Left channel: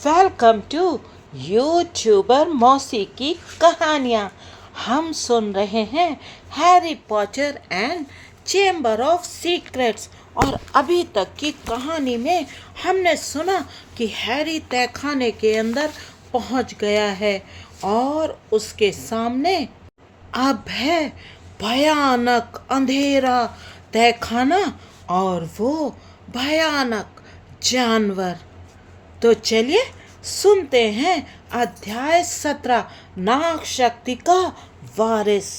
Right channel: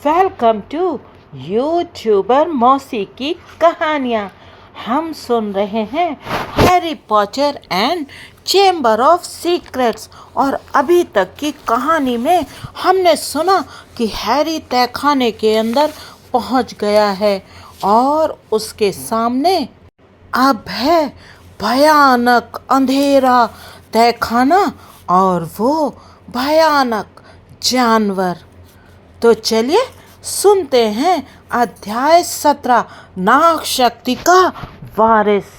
Welcome to YouTuber मौसी की कहानियाँ। हम सुन रहे हैं Harry Potter and chamber of secrets. और अभी तक की कहानी में हमने सुना कि हैरी तहखाने के अंदर पहुंच गया है और उसके सामने अब है भयानक अंधेरा तहखाना और वो भयानक जानवर। तो चलिए सुनते हैं अध्याय 17, नाग शक्ति का वारिस।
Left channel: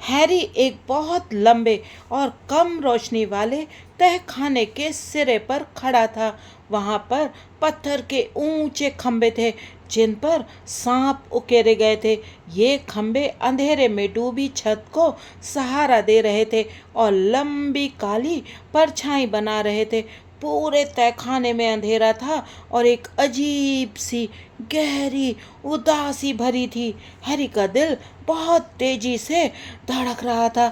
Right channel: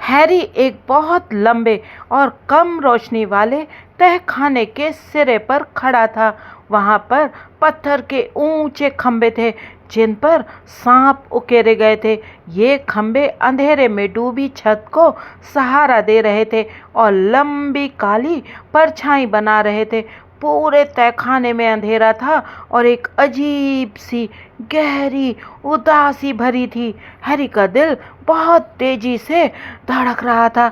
हैरी एक बहुत लंबे और कम रोशनी वाले तहखाने के सिरे पर खड़ा था। वहाँ पर पत्थर के ऊंचे खंबे थे जिन पर सांप उकेरे गए थे। ये खंबे अंधेरे में डूबी छत को सहारा दे रहे थे और लंबी काली परछाई बना रहे थे। पूरे तहखाने में अंधेरा था और एक अजीब सी गहरी उदासी भरी थी। हैरी का दिल बहुत तेजी से धड़क रहा था।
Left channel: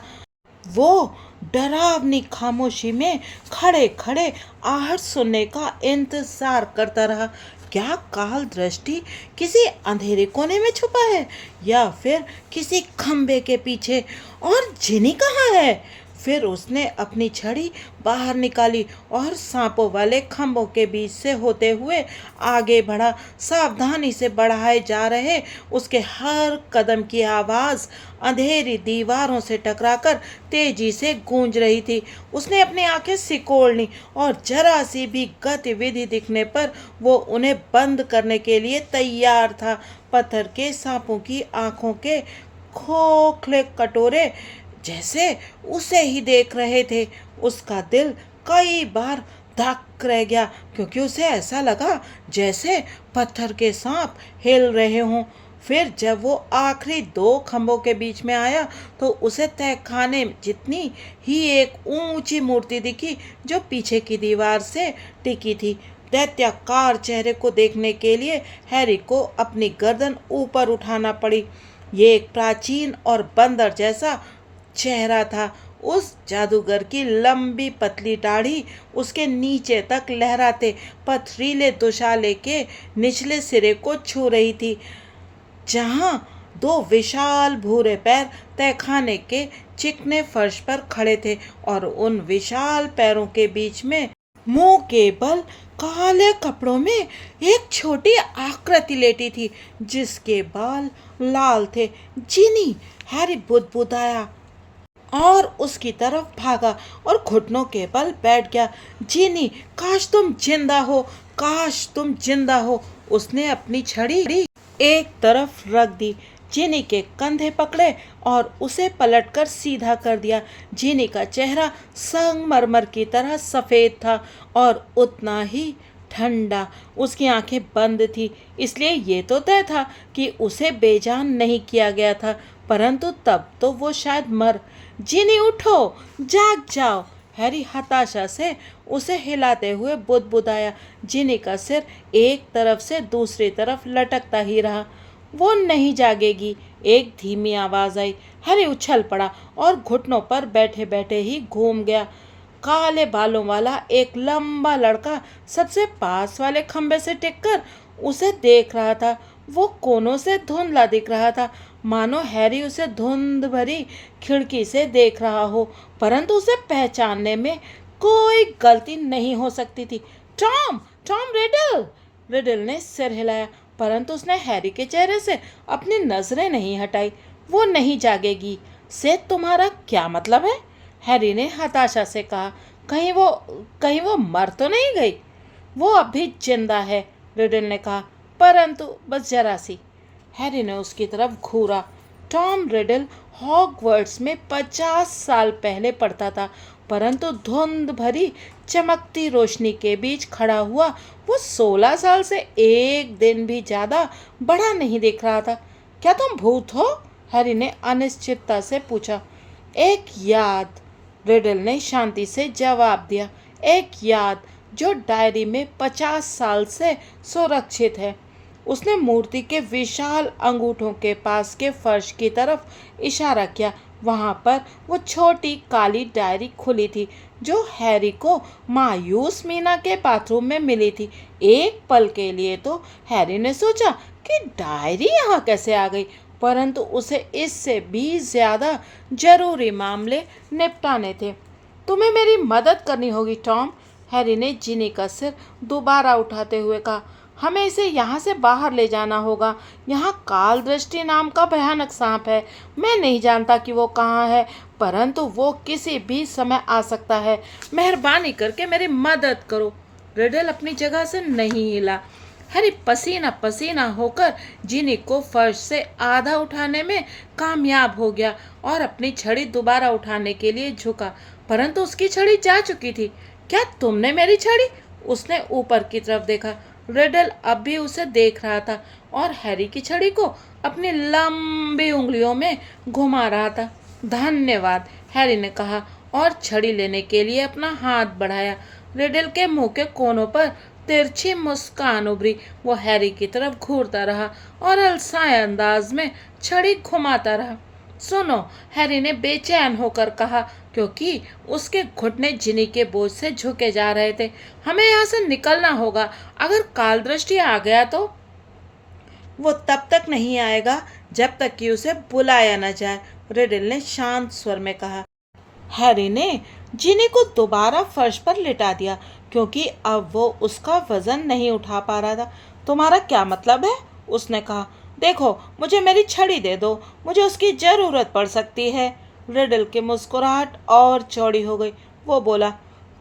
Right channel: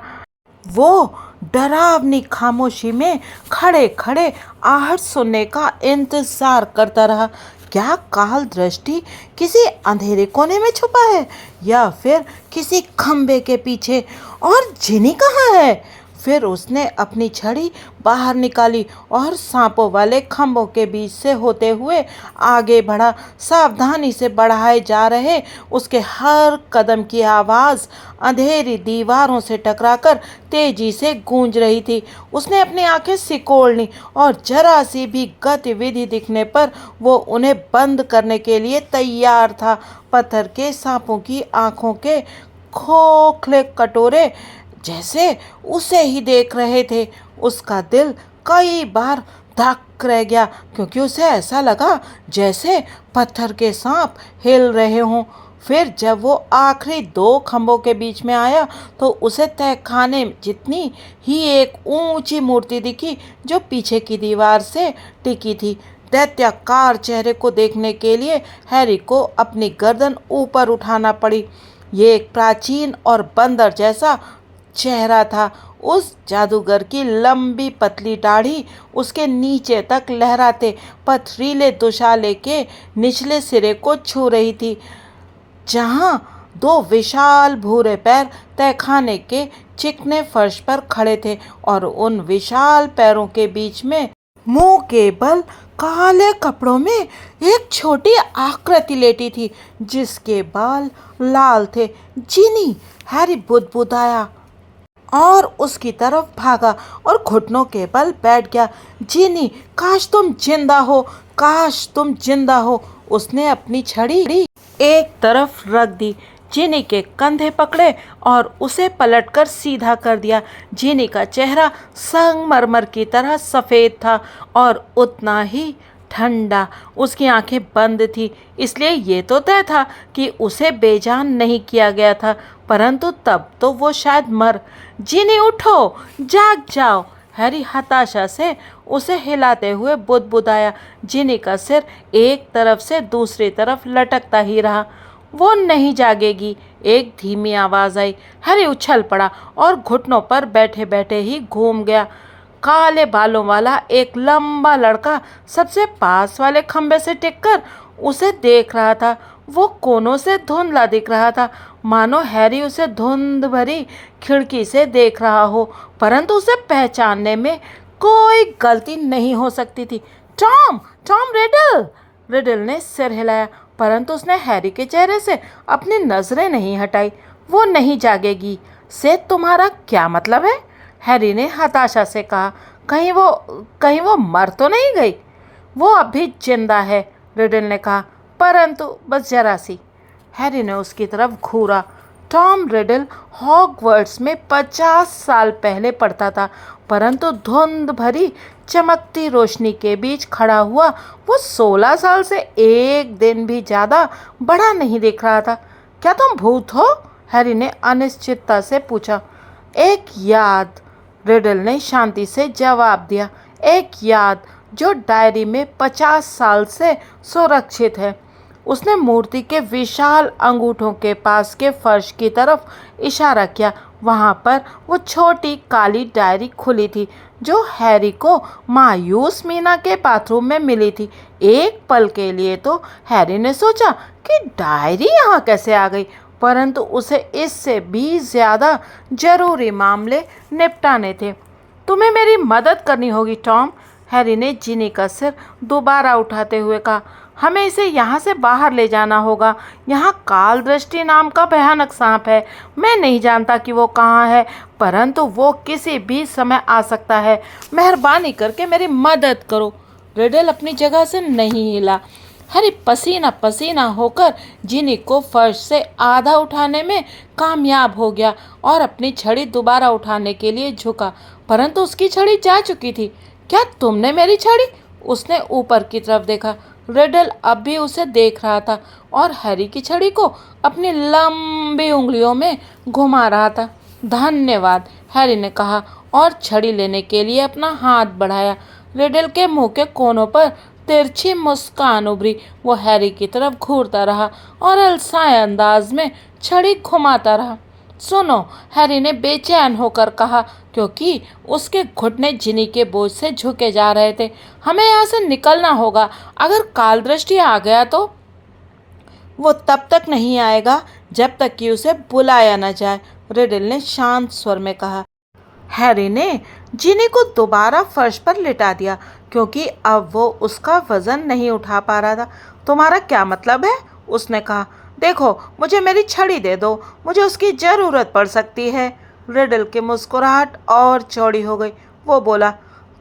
वो डरावनी खामोशी में खड़े खड़े आहट सुनने का इंतजार करता रहा। क्या काल दृष्टि किसी अंधेरे कोने में छुपा है या फिर किसी खंबे के पीछे? और जिनी कहाँ है? फिर उसने अपनी छड़ी बाहर निकाली और सांपों वाले खंभों के बीच से होते हुए आगे बढ़ा। सावधानी से बढ़ाए जा रहे उसके हर कदम की आवाज़ अंधेरी दीवारों से टकराकर तेजी से गूंज रही थी। उसने अपनी आंखें सिकोड़ लीं और जरा सी भी गतिविधि दिखने पर वो उन्हें बंद करने के लिए तैयार था। पत्थर के सांपों की आंखों के खोखले कटोरे जैसे उसे ही देख रहे थे। उसका दिल कई बार धक रह गया क्योंकि उसे ऐसा लगा जैसे पत्थर के सांप हिल रहे हों। फिर जब वो आखिरी दो खंभों के बीच में आया तो उसे तहखाने जितनी ही एक ऊंची मूर्ति दिखी जो पीछे की दीवार से टिकी थी। दैत्याकार चेहरे को देखने के लिए हैरी को अपनी गर्दन ऊपर उठाना पड़ी। ये एक प्राचीन और बंदर जैसा चेहरा था। उस जादूगर की लंबी पतली दाढ़ी उसके नीचे तक लहराते पथरीले दुशाले के निचले सिरे को छू रही थी, जहां दो विशाल भूरे पैर तहखाने के चिकने फर्श पर खड़े थे और उन विशाल पैरों के बीच में मुंह के बल काले कपड़ों में एक छोटी आकृति लेटी थी जिसके बाल लाल थे। जिनी! हैरी बुदबुदाया और उसकी तरफ भागा और घुटनों के बल बैठ गया। जिनी, काश तुम जिंदा हो, काश तुम जिंदा हो। उसने अपनी छड़ी एक तरफ रख दी, जिनी के कंधे पकड़े और उसे पलटकर सीधा कर दिया। जिनी का चेहरा संगमरमर की तरह सफ़ेद था और उतना ही ठंडा। उसकी आंखें बंद थी, इसलिए ये तो तय था कि उसे बेजान नहीं किया गया था, परंतु तब तो वो शायद मर। जिनी, उठो, जाग जाओ! हैरी हताशा से उसे हिलाते हुए बुदबुदाया। जिनी का सिर एक तरफ से दूसरी तरफ लटकता ही रहा। वो नहीं जागेगी, एक धीमी आवाज़ आई। हैरी उछल पड़ा और घुटनों पर बैठे बैठे ही घूम गया। काले बालों वाला एक लंबा लड़का सबसे पास वाले खंबे से टिककर उसे देख रहा था। वो कोनों से धुंधला दिख रहा था, मानो हैरी उसे धुंध भरी खिड़की से देख रहा हो, परंतु उसे पहचानने में कोई गलती नहीं हो सकती थी। टॉम! Tom riddle! रिडल ने सिर हिलाया, परंतु उसने हैरी के चेहरे से अपनी नजरें नहीं हटाई। वो नहीं जागेगी से तुम्हारा क्या मतलब है? हैरी ने हताशा से कहा। कहीं वो मर तो नहीं गई? वो अब भी जिंदा है, रिडल ने कहा, परंतु बस जरा सी। हैरी ने उसकी तरफ घूरा। टॉम रिडल हॉगवर्ट्स में 50 साल पहले पढ़ता था, परंतु धुंध भरी चमकती रोशनी के बीच खड़ा हुआ वो 16 साल से एक दिन भी ज़्यादा बड़ा नहीं दिख रहा था। क्या तुम भूत हो? हैरी ने अनिश्चितता से पूछा। एक याद, रिडल ने शांति से जवाब दिया, एक याद जो डायरी में 50 साल से सुरक्षित है। उसने मूर्ति के विशाल अंगूठों के पास के फर्श की तरफ इशारा किया। वहाँ पर वो छोटी काली डायरी खुली थी जो हैरी को मायूस मीना के बाथरूम में मिली थी। एक पल के लिए तो हैरी ने सोचा कि डायरी यहाँ कैसे आ गई, परंतु उसे इससे भी ज़्यादा जरूरी मामले निपटाने थे। तुम्हें मेरी मदद करनी होगी टॉम, हैरी ने जिनी का सिर दोबारा उठाते हुए कहा। हमें इसे यहाँ से बाहर ले जाना होगा। यहाँ काल दृष्टि नाम का भयानक सांप है। मैं नहीं जानता कि वो कहाँ है, परंतु वो किसी भी समय आ सकता है। मेहरबानी करके मेरी मदद करो। रिडल अपनी जगह से नहीं हिला। हैरी पसीना पसीना होकर जिनी को फर्श से आधा उठाने में कामयाब हो गया और अपनी छड़ी दोबारा उठाने के लिए झुका, परंतु उसकी छड़ी जा चुकी थी। क्या तुमने मेरी छड़ी? उसने ऊपर की तरफ देखा। रिडल अब भी उसे देख रहा था और हैरी की छड़ी को अपनी लंबी उंगलियों में घुमा रहा था। धन्यवाद, हैरी ने कहा और छड़ी लेने के लिए अपना हाथ बढ़ाया। रिडल के मुंह के कोनों पर तिरछी मुस्कान उभरी। वो हैरी की तरफ घूरता रहा और अलसाए अंदाज में छड़ी घुमाता रहा। सुनो, हैरी ने बेचैन होकर कहा, क्योंकि उसके घुटने जिनी के बोझ से झुके जा रहे थे। हमें यहाँ से निकलना होगा। अगर काल दृष्टि आ गया तो वो तब तक नहीं आएगा जब तक कि उसे बुलाया न जाए, रिडल ने शांत स्वर में कहा। हैरी ने जिनी को दोबारा फर्श पर लिटा दिया, क्योंकि अब वो उसका वजन नहीं उठा पा रहा था। तुम्हारा क्या मतलब है? उसने कहा। देखो, मुझे मेरी छड़ी दे दो, मुझे उसकी ज़रूरत पड़ सकती है। रिडल की मुस्कुराहट और चौड़ी हो गई। वो बोला,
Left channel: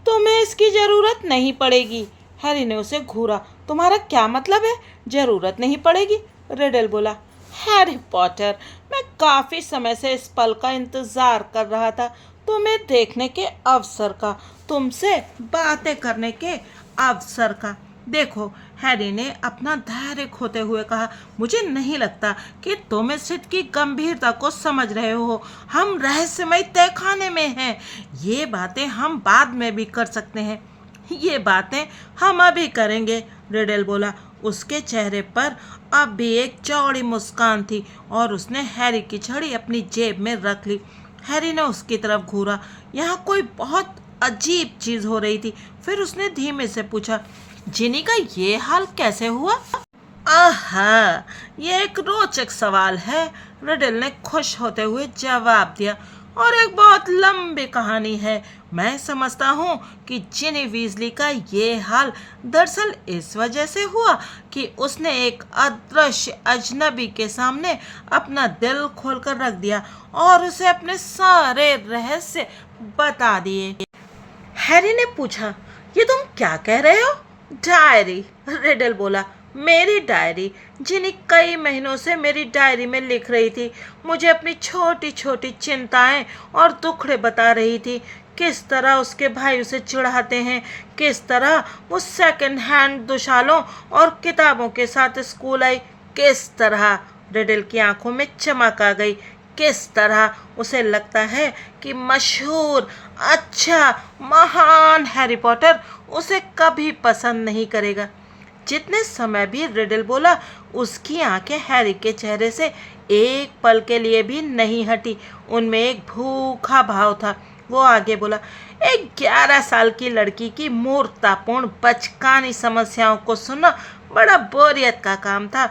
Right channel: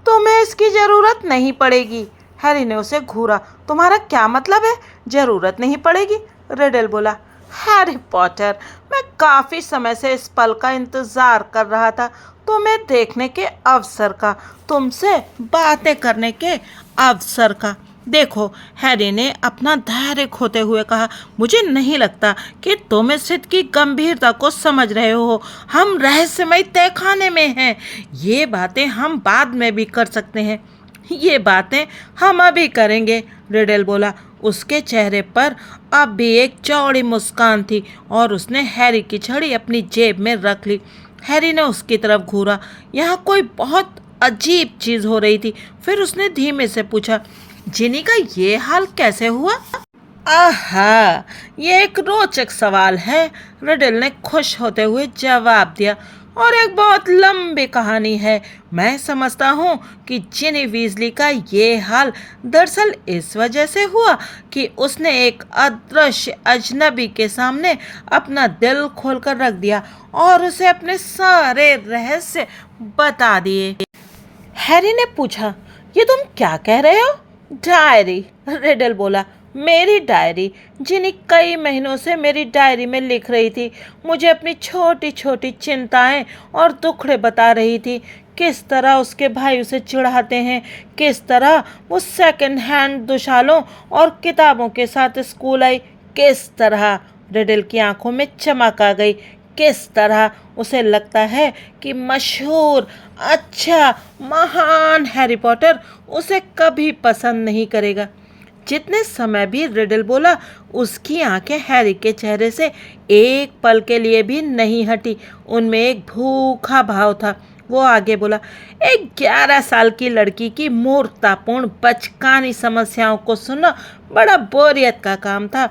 तुम्हें इसकी ज़रूरत नहीं पड़ेगी। हैरी ने उसे घूरा। तुम्हारा क्या मतलब है, ज़रूरत नहीं पड़ेगी? रिडल बोला। हैरी पॉटर, मैं काफ़ी समय से इस पल का इंतज़ार कर रहा था, तुम्हें देखने के अवसर का, तुमसे बातें करने के अवसर का। देखो, हैरी ने अपना धैर्य खोते हुए कहा, मुझे नहीं लगता कि तुम इस स्थिति की गंभीरता को समझ रहे हो। हम रहस्यमय तहखाने में हैं। ये बातें हम बाद में भी कर सकते हैं। ये बातें हम अभी करेंगे, रिडल बोला। उसके चेहरे पर अब भी एक चौड़ी मुस्कान थी और उसने हैरी की छड़ी अपनी जेब में रख ली। हैरी ने उसकी तरफ घूरा। यहाँ कोई बहुत अजीब चीज़ हो रही थी। फिर उसने धीमे से पूछा, जिनी का ये हाल कैसे हुआ? आहा, ये एक रोचक सवाल है, रिडल ने खुश होते हुए जवाब दिया, और एक बहुत लंबी कहानी है। मैं समझता हूँ कि जिनी वीजली का ये हाल दरअसल इस वजह से हुआ कि उसने एक अदृश्य अजनबी के सामने अपना दिल खोलकर रख दिया और उसे अपने सारे रहस्य बता दिए। हैरी ने पूछा, ये तुम क्या कह रहे हो? डायरी, रिडल बोला। मेरी डायरी। जिनी कई महीनों से मेरी डायरी में लिख रही थी, मुझे अपनी छोटी छोटी चिंताएं और दुखड़े बता रही थी। किस तरह उसके भाई उसे चिढ़ाते हैं, किस तरह वो सेकंड हैंड दुशालों और किताबों के साथ स्कूल आई, किस तरह रिडल की आंखों में चमक आ गई, किस तरह उसे लगता है कि मशहूर, अच्छा, महान हैरी पॉटर उसे कभी पसंद नहीं करेगा। जितने समय भी रिडल बोला, उसकी आंखें हैरी के चेहरे से एक पल के लिए भी नहीं हटी। उनमें एक भूखा भाव था। वो आगे बोला, एक 11 साल की लड़की की मूर्खतापूर्ण बचकानी समस्याओं को सुनना बड़ा बोरियत का काम था,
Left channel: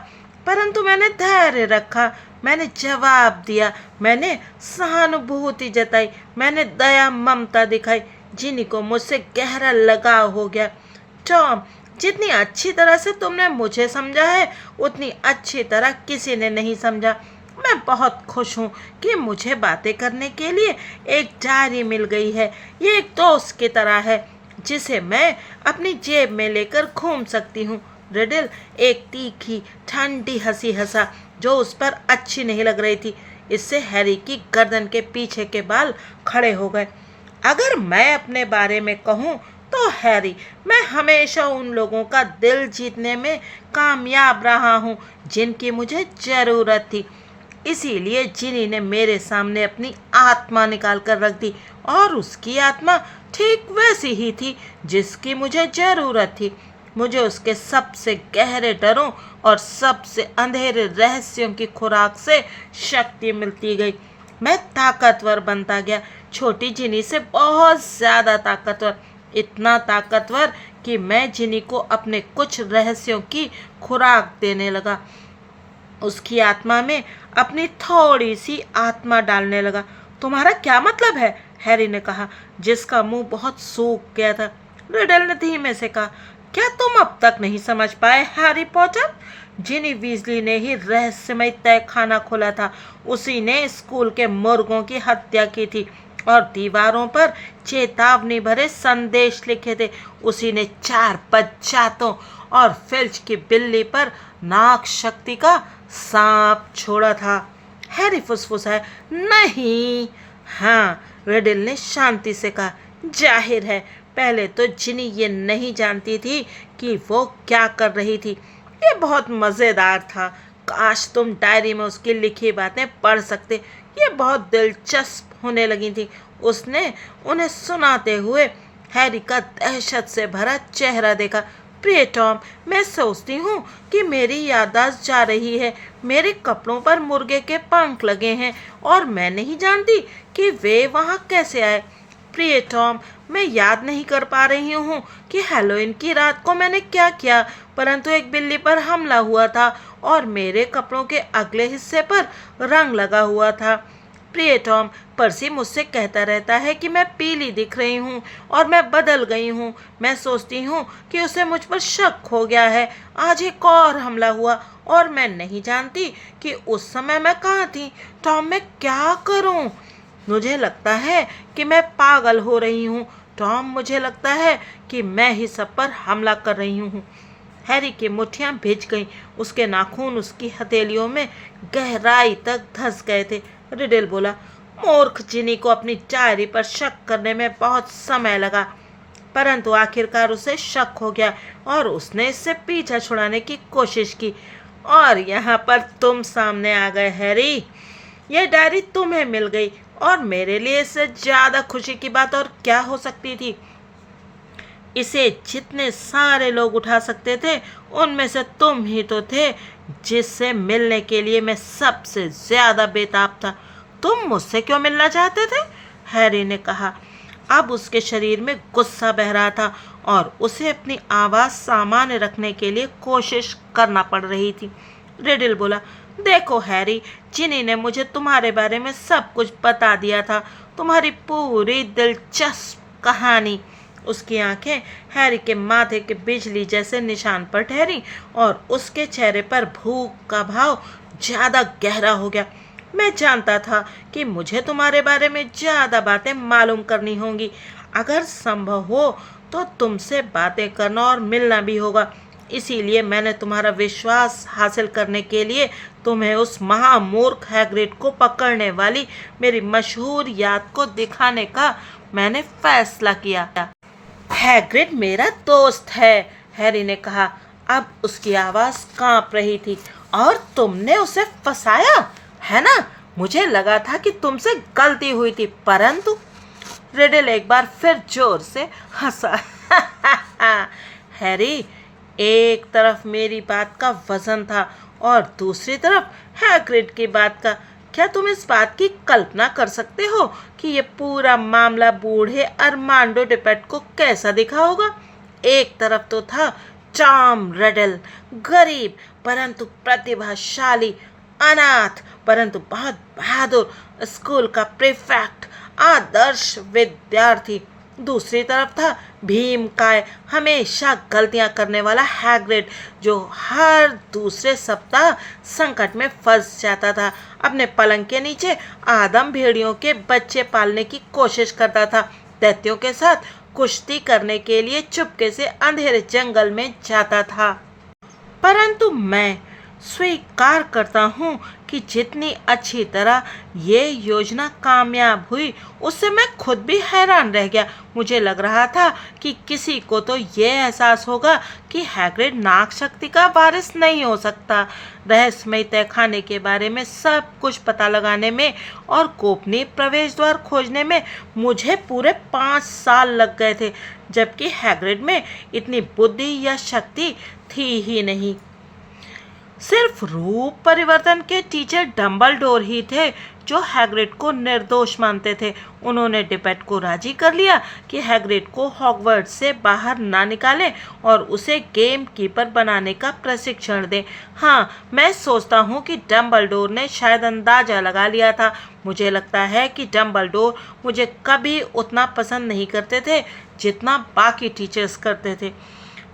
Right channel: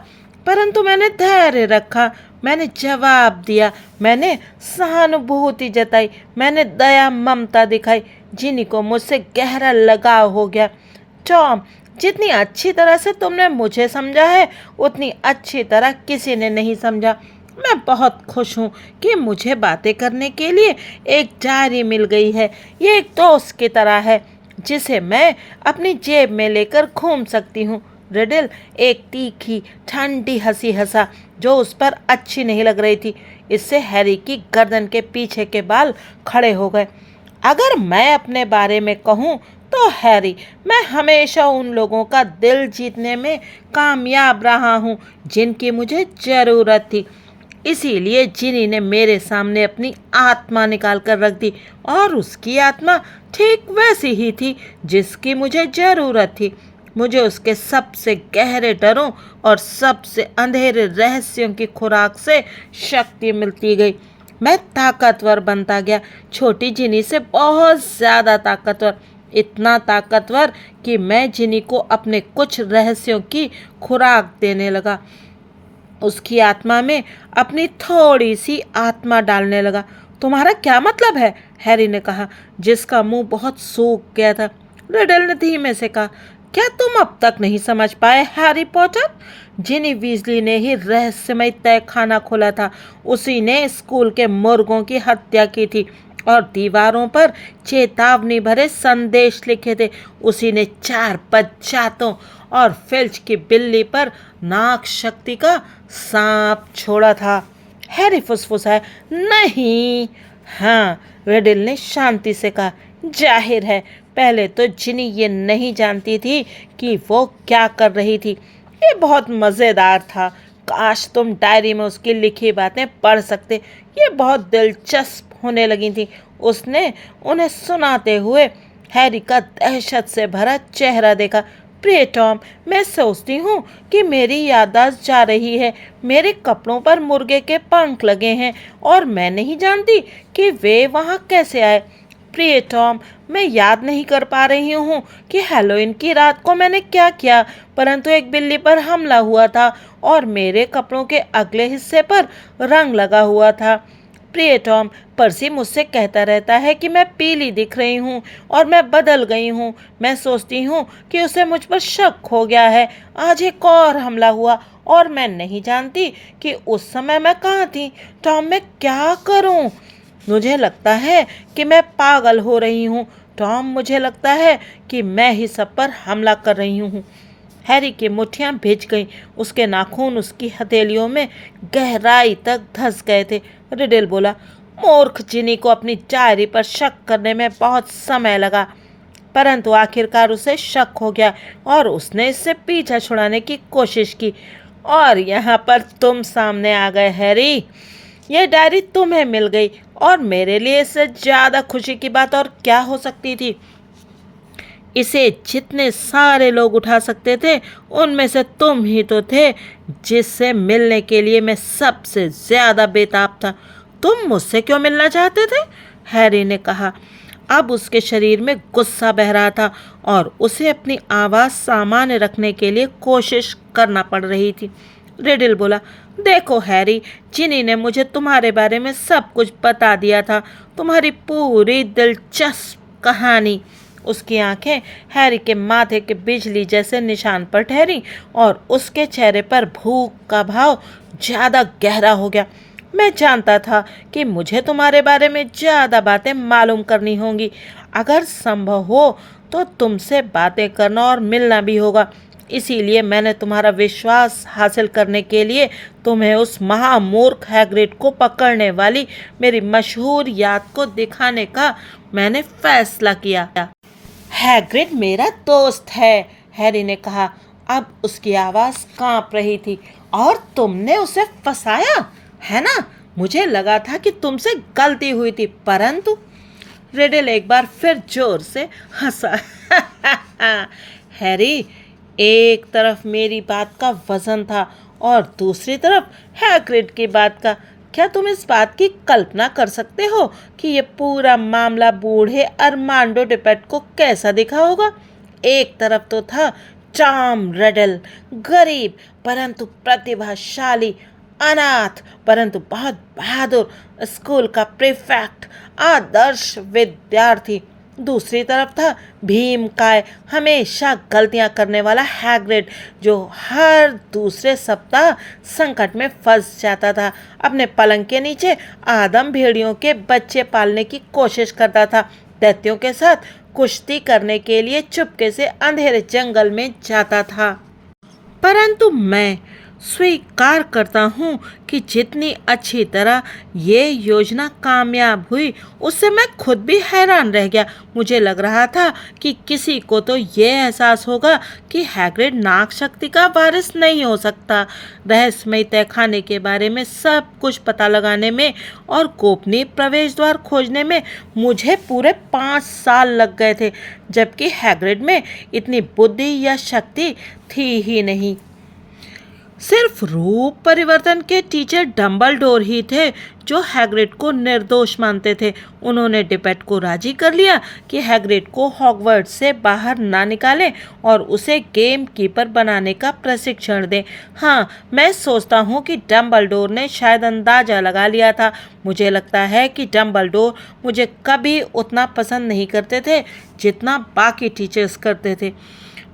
परंतु मैंने धैर्य रखा, मैंने जवाब दिया, मैंने सहानुभूति जताई, मैंने दया ममता दिखाई। जिनी को मुझसे गहरा लगाव हो गया। टॉम, जितनी अच्छी तरह से तुमने मुझे समझा है, उतनी अच्छी तरह किसी ने नहीं समझा। मैं बहुत खुश हूँ कि मुझे बातें करने के लिए एक डायरी मिल गई है। ये एक दोस्त की तरह है जिसे मैं अपनी जेब में लेकर घूम सकती हूँ। रिडल एक तीखी ठंडी हंसी हंसा जो उस पर अच्छी नहीं लग रही थी। इससे हैरी की गर्दन के पीछे के बाल खड़े हो गए। अगर मैं अपने बारे में कहूँ तो हैरी, मैं हमेशा उन लोगों का दिल जीतने में कामयाब रहा हूँ जिनकी मुझे ज़रूरत थी। इसीलिए जिनी ने मेरे सामने अपनी आत्मा निकाल कर रख दी, और उसकी आत्मा ठीक वैसी ही थी जिसकी मुझे ज़रूरत थी। मुझे उसके सबसे गहरे डरों और सबसे अंधेरे रहस्यों की खुराक से शक्ति मिलती गई। मैं ताकतवर बनता गया, छोटी जिनी से बहुत ज़्यादा ताकतवर, इतना ताकतवर कि मैं जिनी को अपने कुछ रहस्यों की खुराक देने लगा, उसकी आत्मा में अपनी थोड़ी सी आत्मा डालने लगा। तुम्हारा क्या मतलब है? हैरी ने कहा, जिसका मुंह बहुत सूख गया था। रिडल ने धीमे से कहा, क्या तुम अब तक नहीं समझ पाए हैरी पॉटर? जिनी वीजली ने ही रहस्यमय तय खाना खोला था, उसी ने स्कूल के मुर्गों की हत्या की थी और दीवारों पर चेतावनी भरे संदेश लिखे थे, उसी ने 4 बच्चातों और फिल्च की बिल्ली पर नाग शक्ति का सांप छोड़ा था। हैरी फुसफुसाया, नहीं। हाँ, रिडल ने शांति से कहा, जाहिर है पहले तो जिनी ये नहीं जानती थी कि वो क्या कर रही थी। ये बहुत मज़ेदार था, काश तुम डायरी में उसकी लिखी बातें पढ़ सकते, ये बहुत दिलचस्प होने लगी थी। उसने उन्हें सुनाते हुए हैरी का दहशत से भरा चेहरा देखा। प्रिय टॉम, मैं सोचती हूँ कि मेरी याददाश्त जा रही है, मेरे कपड़ों पर मुर्गे के पंख लगे हैं और मैं नहीं जानती कि वे वहाँ कैसे आए। प्रिय टॉम, मैं याद नहीं कर पा रही हूँ कि हैलोवीन की रात को मैंने क्या किया, परंतु एक बिल्ली पर हमला हुआ था और मेरे कपड़ों के अगले हिस्से पर रंग लगा हुआ था। प्रिय टॉम, पर्सी मुझसे कहता रहता है कि मैं पीली दिख रही हूँ और मैं बदल गई हूँ। मैं सोचती हूँ कि उसे मुझ पर शक हो गया है। आज एक और हमला हुआ और मैं नहीं जानती कि उस समय मैं कहाँ थी। टॉम, मैं क्या करूँ? मुझे लगता है कि मैं पागल हो रही हूँ। टॉम, मुझे लगता है कि मैं ही सब पर हमला कर रही हूँ। हैरी की मुट्ठियाँ भिज गईं, उसके नाखून उसकी हथेलियों में गहराई तक धंस गए थे। रिडल बोला, मूर्ख जिनी को अपनी डायरी पर शक करने में बहुत समय लगा, परंतु आखिरकार उसे शक हो गया और उसने इससे पीछा छुड़ाने की कोशिश की। और यहाँ पर तुम सामने आ गए हैरी। यह डायरी तुम्हें मिल गई और मेरे लिए इससे ज़्यादा खुशी की बात और क्या हो सकती थी। इसे जितने सारे लोग उठा सकते थे, उनमें से तुम ही तो थे जिससे मिलने के लिए मैं सबसे ज़्यादा बेताब था। तुम मुझसे क्यों मिलना चाहते थे? हैरी ने कहा। अब उसके शरीर में गुस्सा बह रहा था और उसे अपनी आवाज़ सामान्य रखने के लिए कोशिश करना पड़ रही थी। रिडल बोला, देखो हैरी, जिनी ने मुझे तुम्हारे बारे में सब कुछ बता दिया था, तुम्हारी पूरी दिलचस्प कहानी। उसकी आंखें हैरी के माथे के बिजली जैसे निशान पर ठहरी और उसके चेहरे पर भूख का भाव ज़्यादा गहरा हो गया। मैं जानता था कि मुझे तुम्हारे बारे में ज़्यादा बातें मालूम करनी होंगी। अगर संभव हो तो तुमसे बातें करना और मिलना भी होगा। इसीलिए मैंने तुम्हारा विश्वास हासिल करने के लिए तुम्हें उस महामूर्ख हैग्रिड को पकड़ने वाली मेरी मशहूर याद को दिखाने का मैंने फैसला किया। हैग्रिड मेरा दोस्त है, हैरी ने कहा। अब उसकी आवाज़ कांप रही थी। और तुमने उसे फंसाया, है ना? मुझे लगा था कि तुमसे गलती हुई थी, परंतु रिडल एक बार फिर जोर से हंसा। हैरी, एक तरफ मेरी बात का वजन था और दूसरी तरफ हैग्रिड की बात का। क्या तुम इस बात की कल्पना कर सकते हो कि ये पूरा मामला बूढ़े अरमांडो डिपेट को कैसा दिखा होगा? एक तरफ तो था टॉम रिडल, गरीब परंतु प्रतिभाशाली, अनाथ परंतु बहुत बहादुर स्कूल का प्रीफेक्ट, आदर्श विद्यार्थी। दूसरी तरफ था भीमकाय, हमेशा गलतियां करने वाला हैग्रिड, जो हर दूसरे सप्ताह संकट में फंस जाता था। अपने पलंग के नीचे आदम भेड़ियों के बच्चे पालने की कोशिश करता था। दैत्यों के साथ कुश्ती करने के लिए चुपके से अंधेरे जंगल में जाता था। परंतु मैं स्वीकार करता हूँ कि जितनी अच्छी तरह ये योजना कामयाब हुई, उससे मैं खुद भी हैरान रह गया। मुझे लग रहा था कि किसी को तो ये एहसास होगा कि हैग्रिड नाग शक्ति का वारिस नहीं हो सकता। रहस्यमय तहखाने के बारे में सब कुछ पता लगाने में और गोपनीय प्रवेश द्वार खोजने में मुझे पूरे 5 साल लग गए थे, जबकि हैग्रिड में इतनी बुद्धि या शक्ति थी ही नहीं। सिर्फ रूप परिवर्तन के टीचर डम्बलडोर ही थे जो हैग्रिड को निर्दोष मानते थे। उन्होंने डिपेट को राजी कर लिया कि हैग्रिड को हॉगवर्ट्स से बाहर ना निकालें और उसे गेम कीपर बनाने का प्रशिक्षण दें। हाँ, मैं सोचता हूँ कि डम्बलडोर ने शायद अंदाज़ा लगा लिया था। मुझे लगता है कि डम्बलडोर मुझे कभी उतना पसंद नहीं करते थे जितना बाकी टीचर्स करते थे।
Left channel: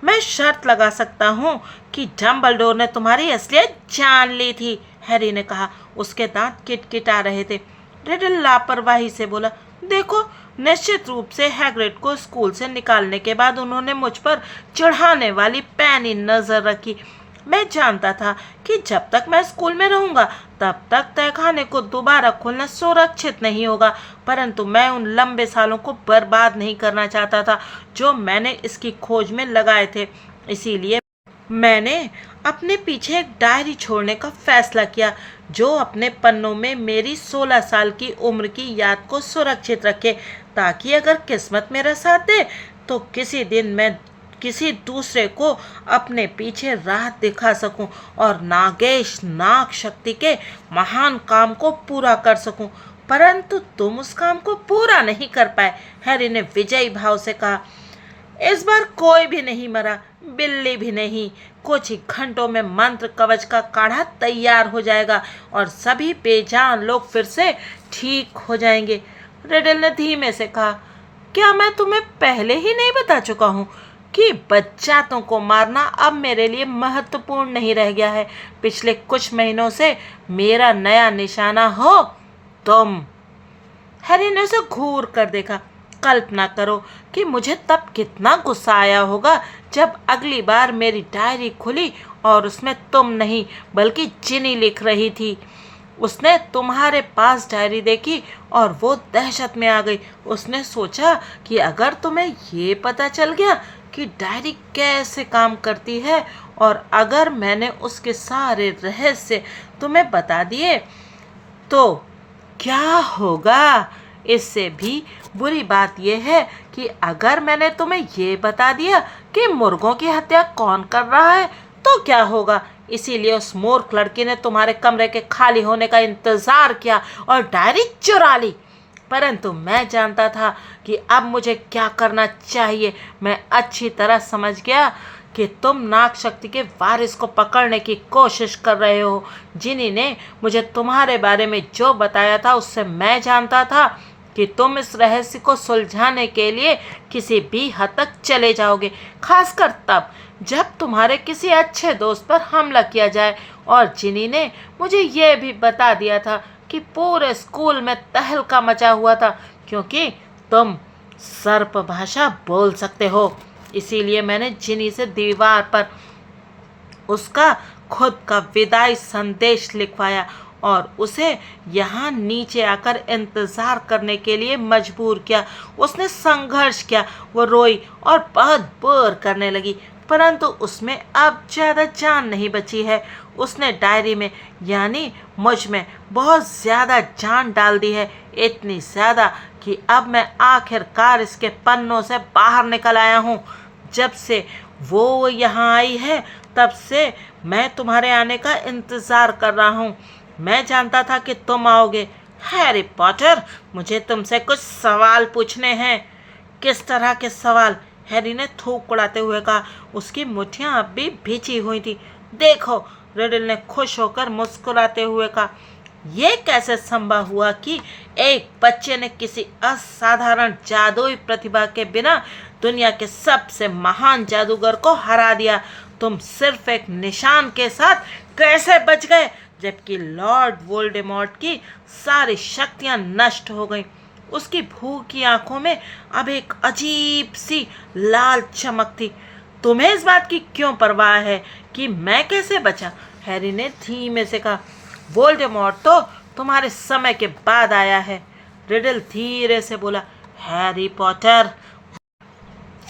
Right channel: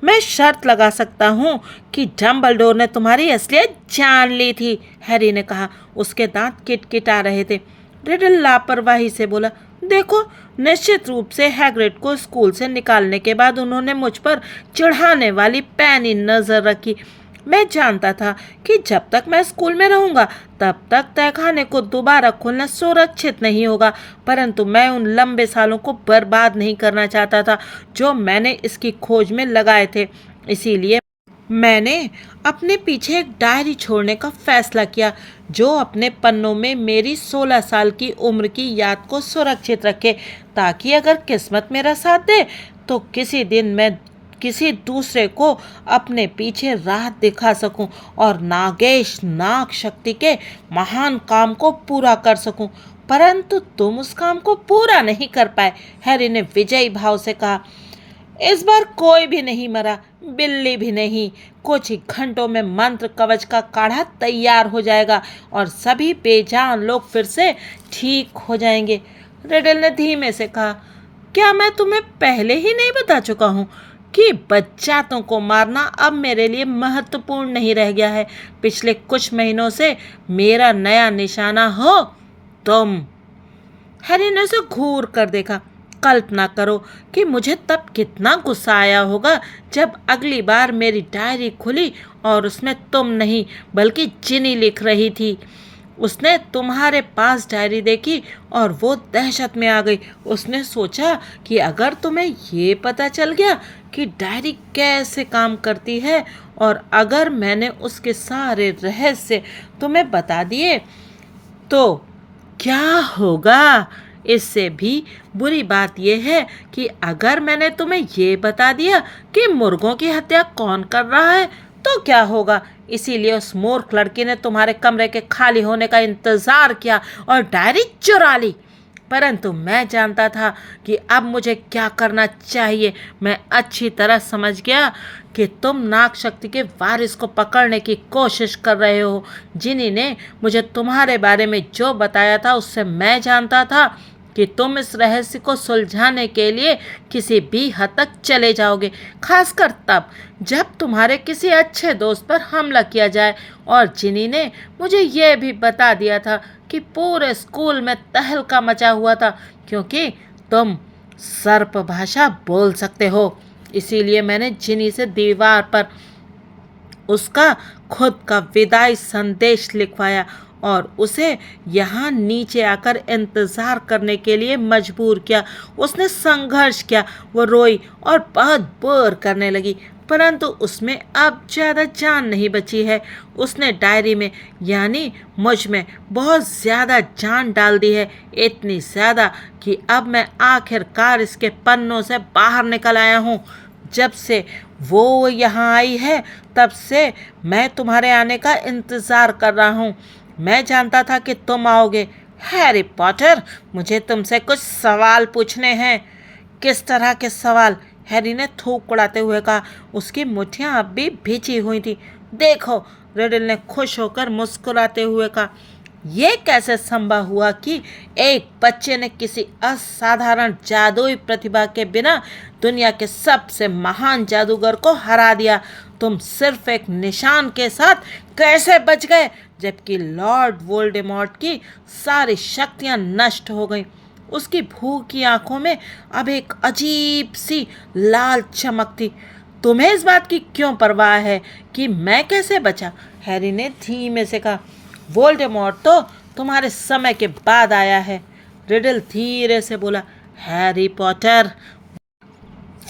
मैं शर्त लगा सकता हूँ कि डम्बलडोर ने तुम्हारी असलियत जान ली थी, हैरी ने कहा। उसके दांत किटकिटा रहे थे। रिडल लापरवाही से बोला, देखो, निश्चित रूप से हैग्रिड को स्कूल से निकालने के बाद उन्होंने मुझ पर चढ़ाने वाली पैनी नज़र रखी। मैं जानता था कि जब तक मैं स्कूल में रहूंगा तब तक तहखाने को दोबारा खोलना सुरक्षित नहीं होगा, परंतु मैं उन लंबे सालों को बर्बाद नहीं करना चाहता था जो मैंने इसकी खोज में लगाए थे। इसीलिए मैंने अपने पीछे एक डायरी छोड़ने का फैसला किया जो अपने पन्नों में मेरी 16 साल की उम्र की याद को सुरक्षित रखे, ताकि अगर किस्मत मेरा साथ दे तो किसी दिन मैं किसी दूसरे को अपने पीछे राह दिखा सकूं और नागेश नाग शक्ति के महान काम को पूरा कर सकूं। परंतु तुम उस काम को पूरा नहीं कर पाए, हैरी ने विजयी भाव से कहा। इस बार कोई भी नहीं मरा, बिल्ली भी नहीं। कुछ ही घंटों में मंत्र कवच का काढ़ा तैयार हो जाएगा और सभी बेजान लोग फिर से ठीक हो जाएंगे। रिडल ने धीमे से कहा, क्या मैं तुम्हें पहले ही नहीं बता चुका हूँ कि बच्चातों को मारना अब मेरे लिए महत्वपूर्ण नहीं रह गया है। पिछले कुछ महीनों से मेरा नया निशाना हो तुम। हैरी ने उसे घूर कर देखा। कल्पना करो कि मुझे तब कितना गुस्सा आया होगा जब अगली बार मेरी डायरी खुली और उसमें तुम नहीं बल्कि जिनी लिख रही थी। उसने तुम्हारे पास डायरी देखी और वो दहशत में आ गई। उसने सोचा कि अगर तुम्हें ये पता चल गया कि डायरी कैसे काम करती है और अगर मैंने उसके सारे रहस्य तुम्हें बता दिए तो क्या होगा। इससे भी बुरी बात यह है कि अगर मैंने तुम्हें ये बता दिया कि मुर्गों की हत्या कौन कर रहा है तो क्या होगा। इसीलिए उस मूर्ख लड़की ने तुम्हारे कमरे के खाली होने का इंतज़ार किया और डायरी चुरा ली। परंतु मैं जानता था कि अब मुझे क्या करना चाहिए। मैं अच्छी तरह समझ गया कि तुम नाग शक्ति के वारिस को पकड़ने की कोशिश कर रहे हो। जिनी ने मुझे तुम्हारे बारे में जो बताया था उससे मैं जानता था कि तुम इस रहस्य को सुलझाने के लिए किसी भी हद तक चले जाओगे, खासकर तब जब तुम्हारे किसी अच्छे दोस्त पर हमला किया जाए। और जिनी ने मुझे यह भी बता दिया था कि पूरे स्कूल में तहलका मचा हुआ था क्योंकि तुम सर्प भाषा बोल सकते हो। इसीलिए मैंने जिनी से दीवार पर उसका खुद का विदाई संदेश लिखवाया और उसे यहाँ नीचे आकर इंतज़ार करने के लिए मजबूर किया। उसने संघर्ष किया, वो रोई और बहुत बोर करने लगी, परंतु उसमें अब ज़्यादा जान नहीं बची है। उसने डायरी में यानी मुझ में बहुत ज़्यादा जान डाल दी है, इतनी ज़्यादा कि अब मैं आखिरकार इसके पन्नों से बाहर निकल आया हूँ। जब से वो यहाँ आई है तब से मैं तुम्हारे आने का इंतज़ार कर रहा हूँ। मैं जानता था कि तुम आओगे। हैरी पॉटर, मुझे तुमसे कुछ सवाल पूछने हैं। किस तरह के सवाल? हैरी ने थूक उड़ाते हुए कहा। उसकी मुट्ठियाँ अब भी भींची हुई थी। देखो, रिडल ने खुश होकर मुस्कुराते हुए कहा, यह कैसे संभव हुआ कि एक बच्चे ने किसी असाधारण जादुई प्रतिभा के बिना दुनिया के सबसे महान जादूगर को हरा दिया? तुम सिर्फ एक निशान के साथ कैसे बच गए जबकि लॉर्ड वोल्डेमॉर्ट की सारी शक्तियां नष्ट हो गईं? उसकी भूखी आंखों में अब एक अजीब सी लाल चमक थी। तुम्हें इस बात की क्यों परवाह है कि मैं कैसे बचा? हैरी ने धीमे से कहा। वोल्डेमॉर्ट तो तुम्हारे समय के बाद आया है, रिडल धीरे से बोला। हैरी पॉटर,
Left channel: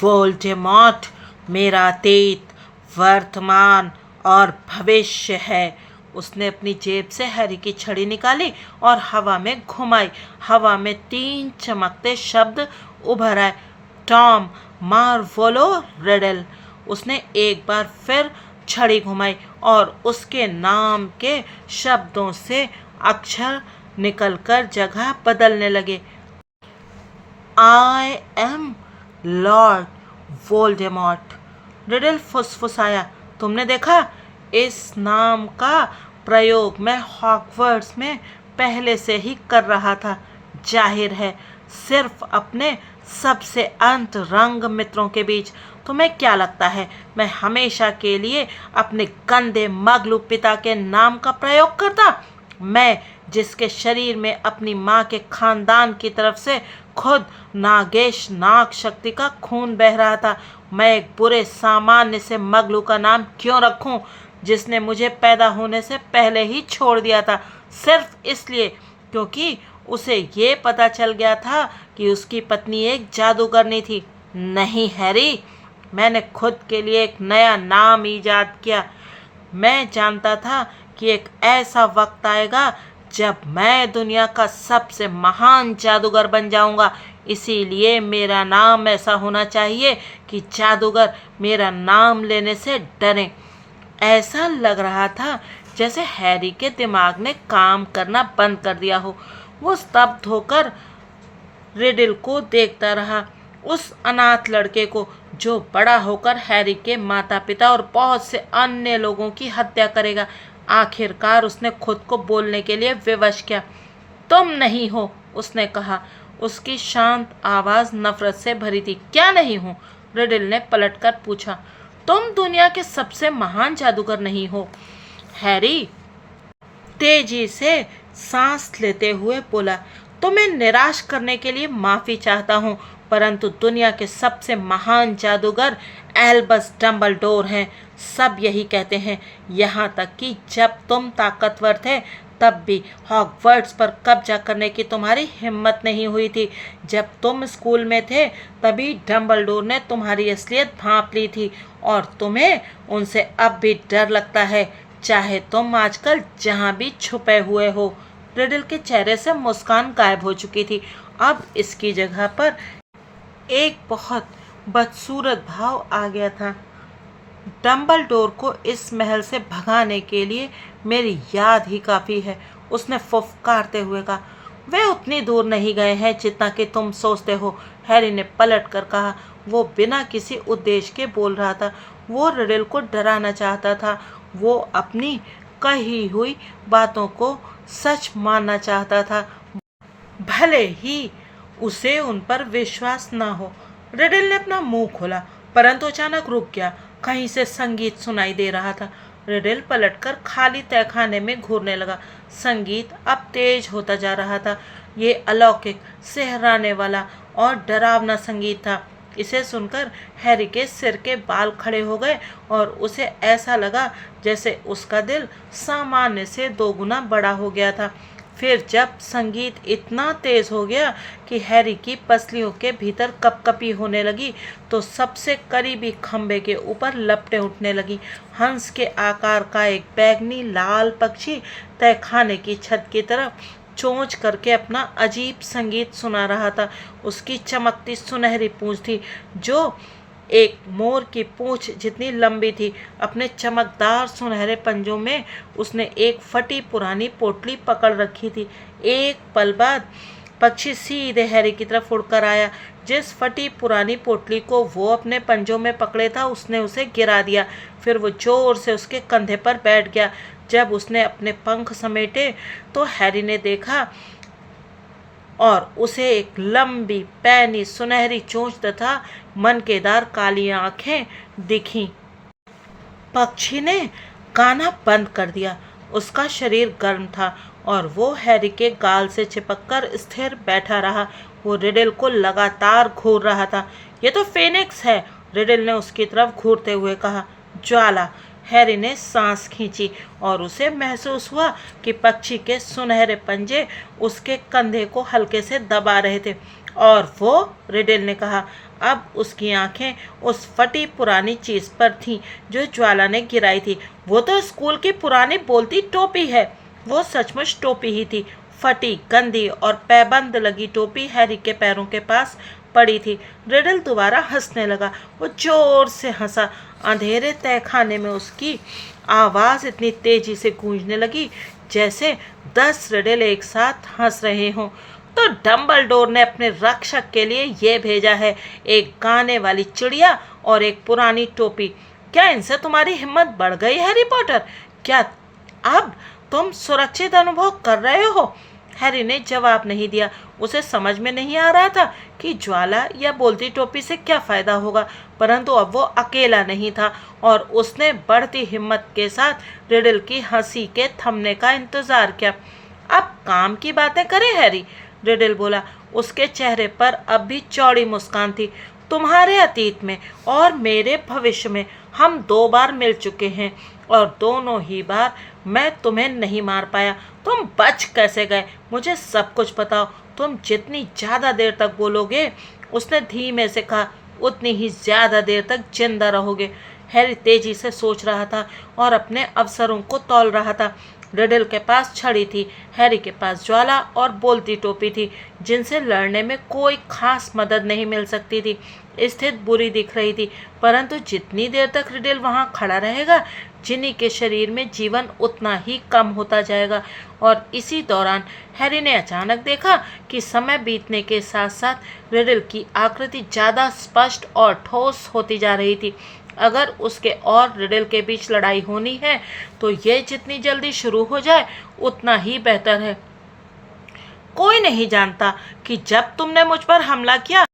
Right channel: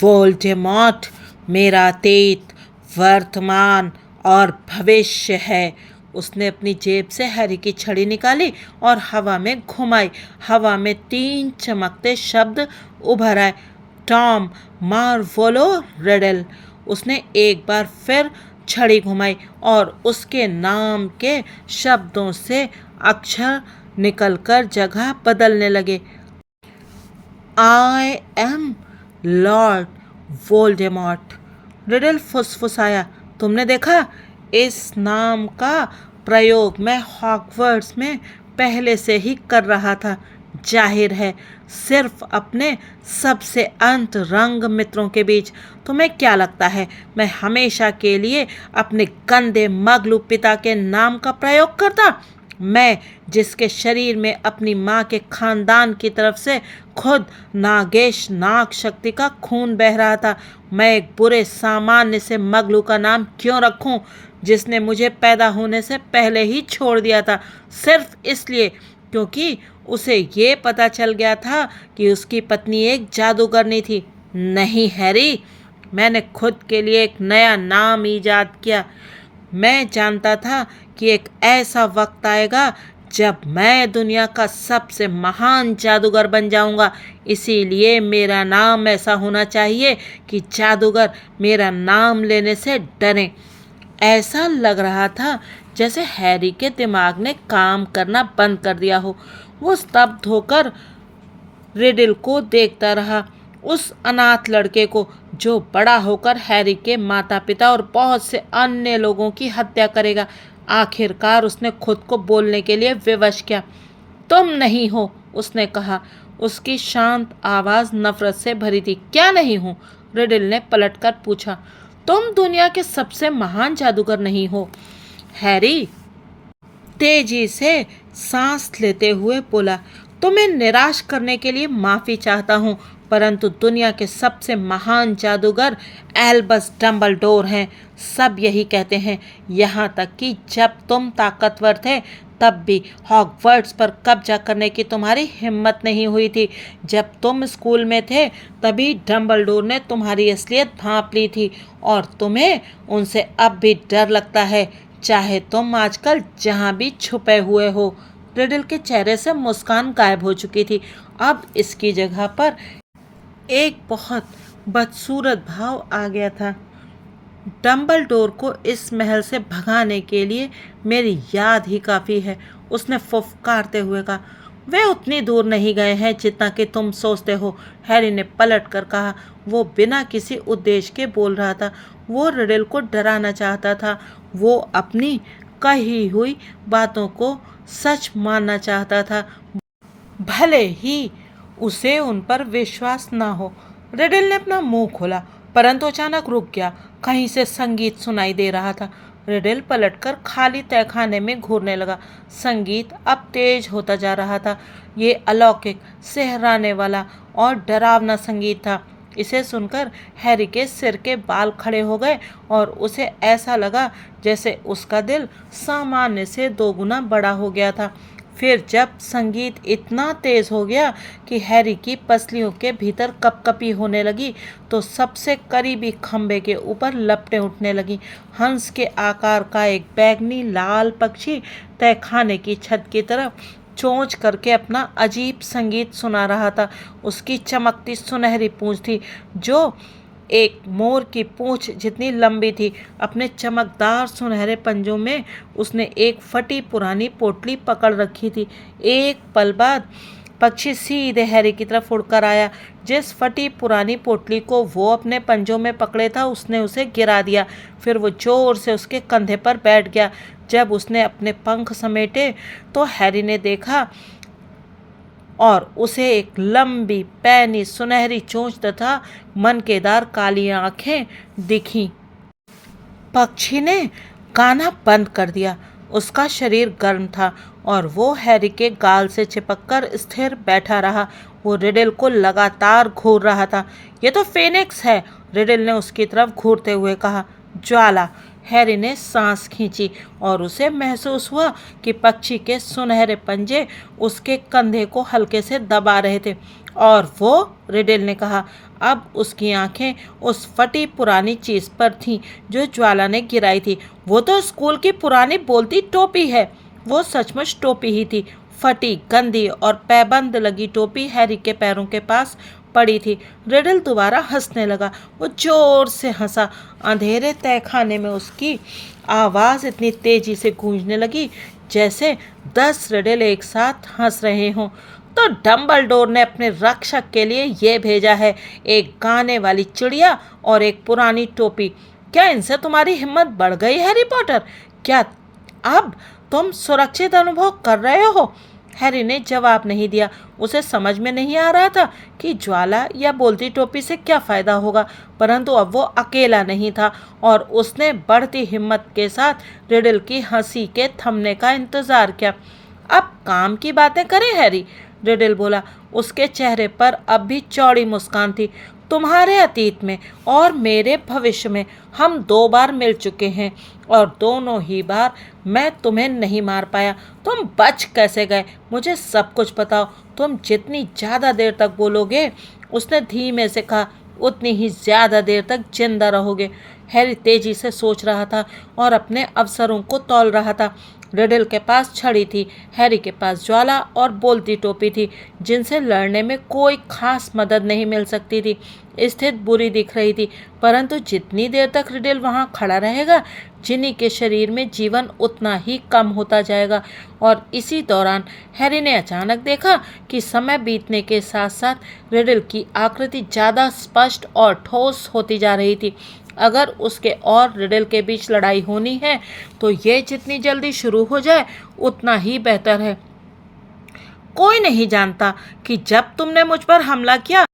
वोल्डेमॉर्ट मेरा अतीत, वर्तमान और भविष्य है। उसने अपनी जेब से हैरी की छड़ी निकाली और हवा में घुमाई। हवा में 3 चमकते शब्द उभर आए, टॉम, मार्वोलो, रिडल। उसने एक बार फिर छड़ी घुमाई और उसके नाम के शब्दों से अक्षर निकलकर जगह बदलने लगे। I am Lord Voldemort, Riddle फुसफुसाया। तुमने देखा, इस नाम का प्रयोग मैं हॉगवर्ट्स में पहले से ही कर रहा था। जाहिर है, सिर्फ अपने सबसे अंतरंग मित्रों के बीच। तुम्हें क्या लगता है मैं हमेशा के लिए अपने गंदे मगलू पिता के नाम का प्रयोग करता? मैं, जिसके शरीर में अपनी माँ के खानदान की तरफ से खुद नागेश नाग शक्ति का खून बह रहा था, मैं एक बुरे सामान्य से मगलू का नाम क्यों रखूं, जिसने मुझे पैदा होने से पहले ही छोड़ दिया था, सिर्फ इसलिए क्योंकि उसे ये पता चल गया था कि उसकी पत्नी एक जादूगरनी थी। नहीं हैरी, मैंने खुद के लिए एक नया नाम ईजाद किया। मैं जानता था कि एक ऐसा वक्त आएगा जब मैं दुनिया का सबसे महान जादूगर बन जाऊंगा। इसीलिए मेरा नाम ऐसा होना चाहिए कि जादूगर मेरा नाम लेने से डरें। ऐसा लग रहा था जैसे हैरी के दिमाग ने काम करना बंद कर दिया हो। वो स्तब्ध होकर रिडल को देखता रहा, उस अनाथ लड़के को जो बड़ा होकर हैरी के माता पिता और बहुत से अन्य लोगों की हत्या करेगा। आखिरकार उसने खुद को बोलने के लिए विवश किया। तुम नहीं हो, उसने कहा। उसकी शांत आवाज़ नफरत से भरी थी। क्या नहीं हूँ? रिडल ने पलटकर पूछा। तुम दुनिया के सबसे महान जादूगर नहीं हो, हैरी तेजी से सांस लेते हुए बोला। तुम्हें निराश करने के लिए माफ़ी चाहता हूँ, परंतु दुनिया के सबसे महान जादूगर एल्बस डम्बलडोर हैं। सब यही कहते हैं, यहाँ तक कि जब तुम ताकतवर थे तब भी हॉगवर्ट्स पर कब्जा करने की तुम्हारी हिम्मत नहीं हुई थी। जब तुम स्कूल में थे तभी डम्बलडोर ने तुम्हारी असलियत भांप ली थी और तुम्हें उनसे अब भी डर लगता है, चाहे तुम आजकल जहाँ भी छुपे हुए हो। रिडल के चेहरे से मुस्कान गायब हो चुकी थी। अब इसकी जगह पर एक बहुत बदसूरत भाव आ गया था। डम्बलडोर को इस महल से भगाने के लिए मेरी याद ही काफ़ी है, उसने फुफकारते हुए कहा। वे उतनी दूर नहीं गए हैं जितना कि तुम सोचते हो, हैरी ने पलट कर कहा। वो बिना किसी उद्देश्य के बोल रहा था। वो रिडल को डराना चाहता था। वो अपनी कही हुई बातों को सच मानना चाहता था, भले ही उसे उन पर विश्वास न हो। रिडल ने अपना मुंह खोला, परंतु अचानक रुक गया। कहीं से संगीत सुनाई दे रहा था। रिडल पलटकर खाली तहखाने में घूरने लगा। संगीत अब तेज होता जा रहा था। ये अलौकिक, सिहराने वाला और डरावना संगीत था। इसे सुनकर हैरी के सिर के बाल खड़े हो गए और उसे ऐसा लगा जैसे उसका दिल सामान्य से 2 गुना बड़ा हो गया था। फिर जब संगीत इतना तेज हो गया कि हैरी की पसलियों के भीतर कपकपी होने लगी, तो सबसे करीबी खंबे के ऊपर लपटें उठने लगी। हंस के आकार का एक बैंगनी लाल पक्षी तहखाने की छत की तरफ चोंच करके अपना अजीब संगीत सुना रहा था। उसकी चमकती सुनहरी पूंछ थी जो एक मोर की पूंछ जितनी लंबी थी। अपने चमकदार सुनहरे पंजों में उसने एक फटी पुरानी पोटली पकड़ रखी थी। एक पल बाद पक्षी सीधे हैरी की तरफ उड़कर आया। जिस फटी पुरानी पोटली को वो अपने पंजों में पकड़े था, उसने उसे गिरा दिया। फिर वो जोर से उसके कंधे पर बैठ गया। जब उसने अपने पंख समेटे तो हैरी ने देखा और उसे एक लंबी पैनी सुनहरी चोंच तथा मनकेदार काली आंखें दिखीं। पक्षी ने गाना बंद कर दिया। उसका शरीर गर्म था और वो हैरी के गाल से चिपककर स्थिर बैठा रहा। वो रिडल को लगातार घूर रहा था। ये तो फेनिक्स है, रिडल ने उसकी तरफ घूरते हुए कहा। ज्वाला। हैरी ने सांस खींची और उसे महसूस हुआ कि पक्षी के सुनहरे पंजे उसके कंधे को हल्के से दबा रहे थे। और वो, रिडल ने कहा। अब उसकी आंखें उस फटी पुरानी चीज़ पर थीं जो ज्वाला ने गिराई थी। वो तो स्कूल की पुरानी बोलती टोपी है। वो सचमुच टोपी ही थी। फटी, गंदी और पैबंद लगी टोपी हैरी के पैरों के पास पड़ी थी। रिडल दोबारा हंसने लगा। वो जोर से हंसा। अंधेरे तहखाने में उसकी आवाज़ इतनी तेजी से गूंजने लगी जैसे 10 रिडल एक साथ हंस रहे हों। तो डम्बलडोर ने अपने रक्षक के लिए ये भेजा है, एक गाने वाली चिड़िया और एक पुरानी टोपी। क्या इनसे तुम्हारी हिम्मत बढ़ गई हैरी पॉटर? क्या अब तुम सुरक्षित अनुभव कर रहे हो? हैरी ने जवाब नहीं दिया। उसे समझ में नहीं आ रहा था कि ज्वाला या बोलती टोपी से क्या फायदा होगा, परंतु अब वो अकेला नहीं था और उसने बढ़ती हिम्मत के साथ रिडल की हंसी के थमने का इंतजार किया। अब काम की बातें करें हैरी, रिडल बोला। उसके चेहरे पर अब भी चौड़ी मुस्कान थी। तुम्हारे अतीत में और मेरे भविष्य में हम 2 बार मिल चुके हैं और दोनों ही बार मैं तुम्हें नहीं मार पाया। तुम बच कैसे गए, मुझे सब कुछ बताओ। तुम जितनी ज़्यादा देर तक बोलोगे, उसने धीमे से कहा, उतनी ही ज़्यादा देर तक जिंदा रहोगे। हैरी तेजी से सोच रहा था और अपने अवसरों को तौल रहा था। रिडल के पास छड़ी थी, हैरी के पास ज्वाला और बोलती टोपी थी, जिनसे लड़ने में कोई खास मदद नहीं मिल सकती थी। स्थिति बुरी दिख रही थी, परंतु जितनी देर तक रिडल वहाँ खड़ा रहेगा, जिनी के शरीर में जीवन उतना ही कम होता जाएगा। और इसी दौरान हैरी ने अचानक देखा कि समय बीतने के साथ साथ रिडल की आकृति ज़्यादा स्पष्ट और ठोस होती जा रही थी। अगर उसके और रिडल के बीच लड़ाई होनी है तो ये जितनी जल्दी शुरू हो जाए उतना ही बेहतर है। कोई नहीं जानता कि जब तुमने मुझ पर हमला किया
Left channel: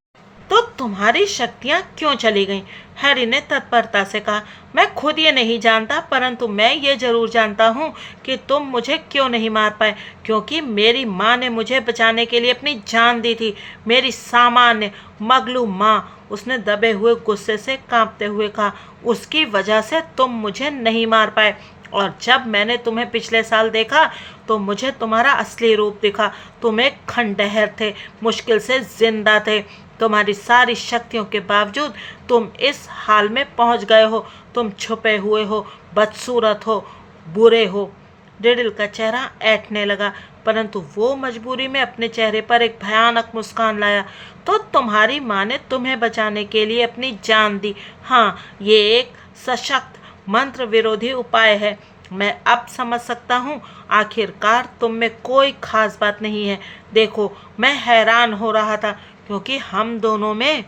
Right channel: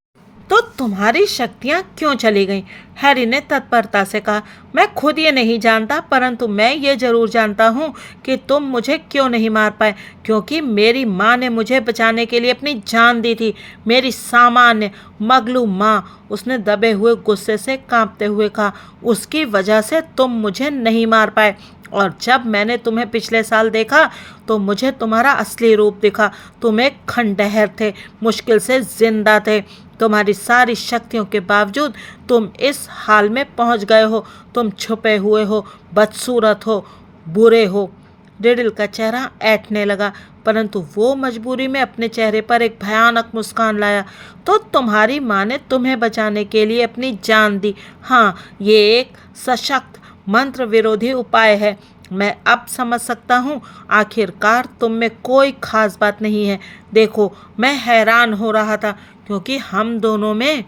तो तुम्हारी शक्तियाँ क्यों चली गईं? हैरी ने तत्परता से कहा। मैं खुद ये नहीं जानता, परंतु मैं ये जरूर जानता हूँ कि तुम मुझे क्यों नहीं मार पाए, क्योंकि मेरी माँ ने मुझे बचाने के लिए अपनी जान दी थी। मेरी सामान्य मगलू माँ, उसने दबे हुए गुस्से से कांपते हुए कहा। उसकी वजह से तुम मुझे नहीं मार पाए। और जब मैंने तुम्हें पिछले साल देखा तो मुझे तुम्हारा असली रूप दिखा। तुम एक खंडहर थे, मुश्किल से जिंदा थे। तुम्हारी सारी शक्तियों के बावजूद तुम इस हाल में पहुंच गए हो। तुम छुपे हुए हो, बदसूरत हो, बुरे हो। रिडल का चेहरा ऐंठने लगा, परंतु वो मजबूरी में अपने चेहरे पर एक भयानक मुस्कान लाया। तो तुम्हारी माँ ने तुम्हें बचाने के लिए अपनी जान दी। हाँ, ये एक सशक्त मंत्र विरोधी उपाय है। मैं अब समझ सकता हूँ, आखिरकार तुम में कोई खास बात नहीं है। देखो, मैं हैरान हो रहा था क्योंकि हम दोनों में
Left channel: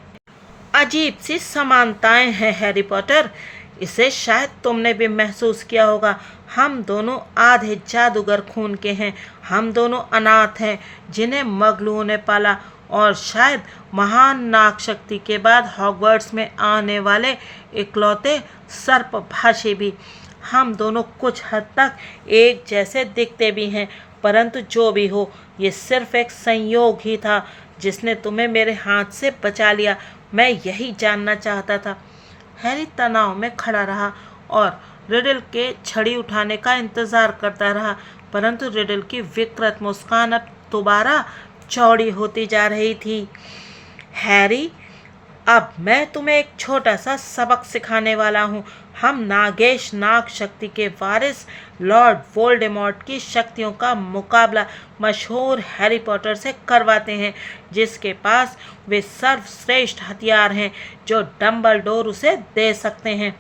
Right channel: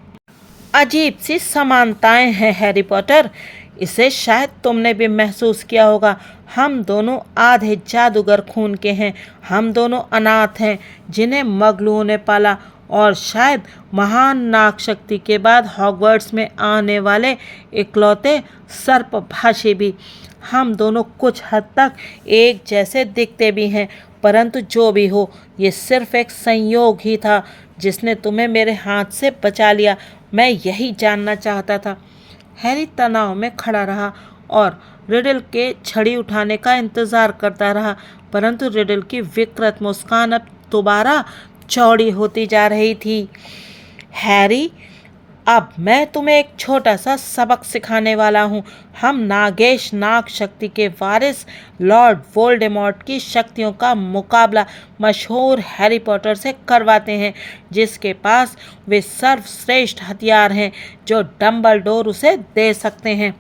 अजीब सी समानताएं हैं हैरी पॉटर। इसे शायद तुमने भी महसूस किया होगा। हम दोनों आधे जादूगर खून के हैं। हम दोनों अनाथ हैं जिन्हें मगलुओं ने पाला, और शायद महान नाग शक्ति के बाद हॉगवर्ट्स में आने वाले इकलौते सर्पभाषी भी। हम दोनों कुछ हद तक एक जैसे दिखते भी हैं, परंतु जो भी हो, ये सिर्फ एक संयोग ही था जिसने तुम्हें मेरे हाथ से बचा लिया। मैं यही जानना चाहता था। हैरी तनाव में खड़ा रहा और रिडल के छड़ी उठाने का इंतजार करता रहा, परंतु रिडल की विकृत मुस्कान अब दोबारा चौड़ी होती जा रही थी। हैरी, अब मैं तुम्हें एक छोटा सा सबक सिखाने वाला हूँ। हम नागेश नाग शक्ति के वारिस लॉर्ड वोल्डेमॉर्ट की शक्तियों का मुकाबला मशहूर हैरी पॉटर से करवाते हैं, जिसके पास वे सर्वश्रेष्ठ हथियार हैं जो डम्बलडोर उसे दे सकते हैं।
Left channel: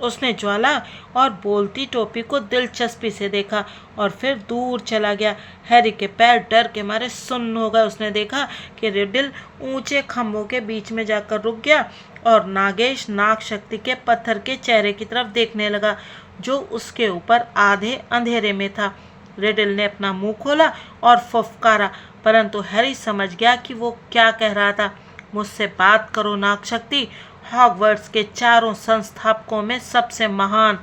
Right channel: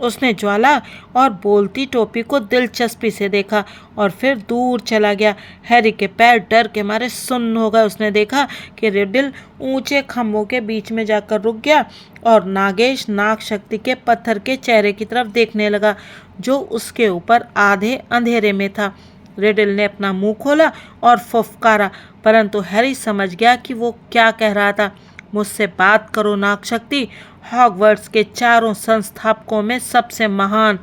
उसने ज्वाला और बोलती टोपी को दिलचस्पी से देखा और फिर दूर चला गया। हैरी के पैर डर के मारे सुन्न हो गए। उसने देखा कि रिडल ऊंचे खंभों के बीच में जाकर रुक गया और नागेश नाग शक्ति के पत्थर के चेहरे की तरफ देखने लगा, जो उसके ऊपर आधे अंधेरे में था। रिडल ने अपना मुंह खोला और फुफकारा, परंतु हैरी समझ गया कि वो क्या कह रहा था। मुझसे बात करो नाग शक्ति, हॉगवर्ट्स के चारों संस्थापकों में सबसे महान।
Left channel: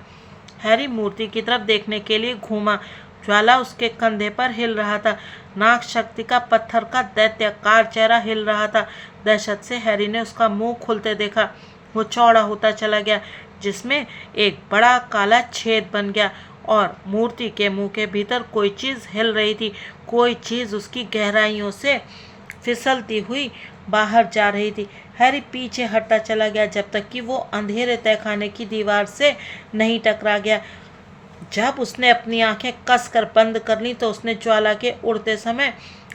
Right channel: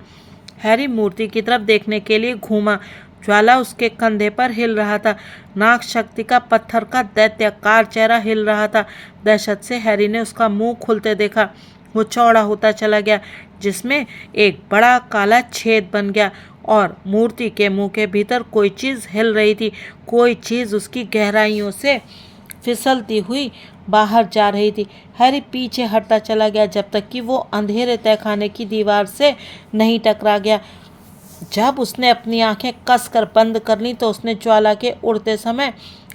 हैरी मूर्ति की तरफ देखने के लिए घूमा। ज्वाला उसके कंधे पर हिल रहा था। नाग शक्ति का पत्थर का दैत्याकार चेहरा हिल रहा था। दहशत से हैरी ने उसका मुंह खुलते देखा। वो चौड़ा होता चला गया, जिसमें एक बड़ा काला छेद बन गया और मूर्ति के मुंह के भीतर कोई चीज़ हिल रही थी। कोई चीज़ उसकी गहराइयों से फिसलती हुई बाहर जा रही थी। हैरी पीछे हटता चला गया जब तक कि वो अंधेरे तहखाने की दीवार से नहीं टकरा गया। जब उसने अपनी आंखें कसकर बंद कर ली तो उसने ज्वाला के उड़ते समय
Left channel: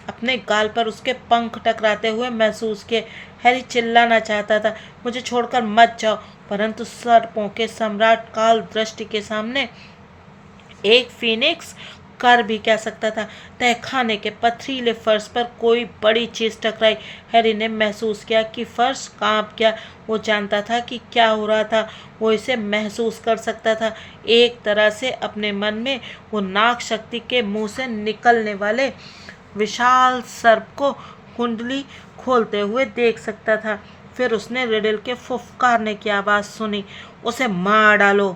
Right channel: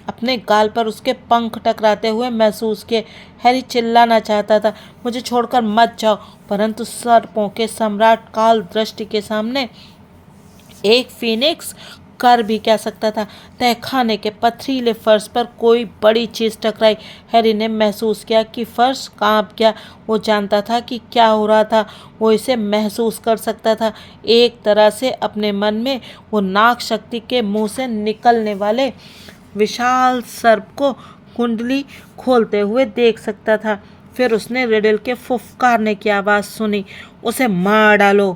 अपने गाल पर उसके पंख टकराते हुए महसूस किए। हैरी चिल्लाना चाहता था, मुझे छोड़कर मत जाओ, परंतु सर्पों के सम्राट काल दृष्टि के सामने एक फीनिक्स कर भी क्या सकता था। तहखाने के पथरीले फर्श पर कोई बड़ी चीज़ टकराई। हैरी ने महसूस किया कि फर्श कांप गया। वो जानता था कि क्या हो रहा था, वो इसे महसूस कर सकता था। एक तरह से अपने मन में वो नाग शक्ति के मुंह से निकलने वाले विशाल सर्प को कुंडली खोलते हुए देख सकता था। फिर उसने रिडल के फुफकारने की आवाज़ सुनी, उसे मार डालो।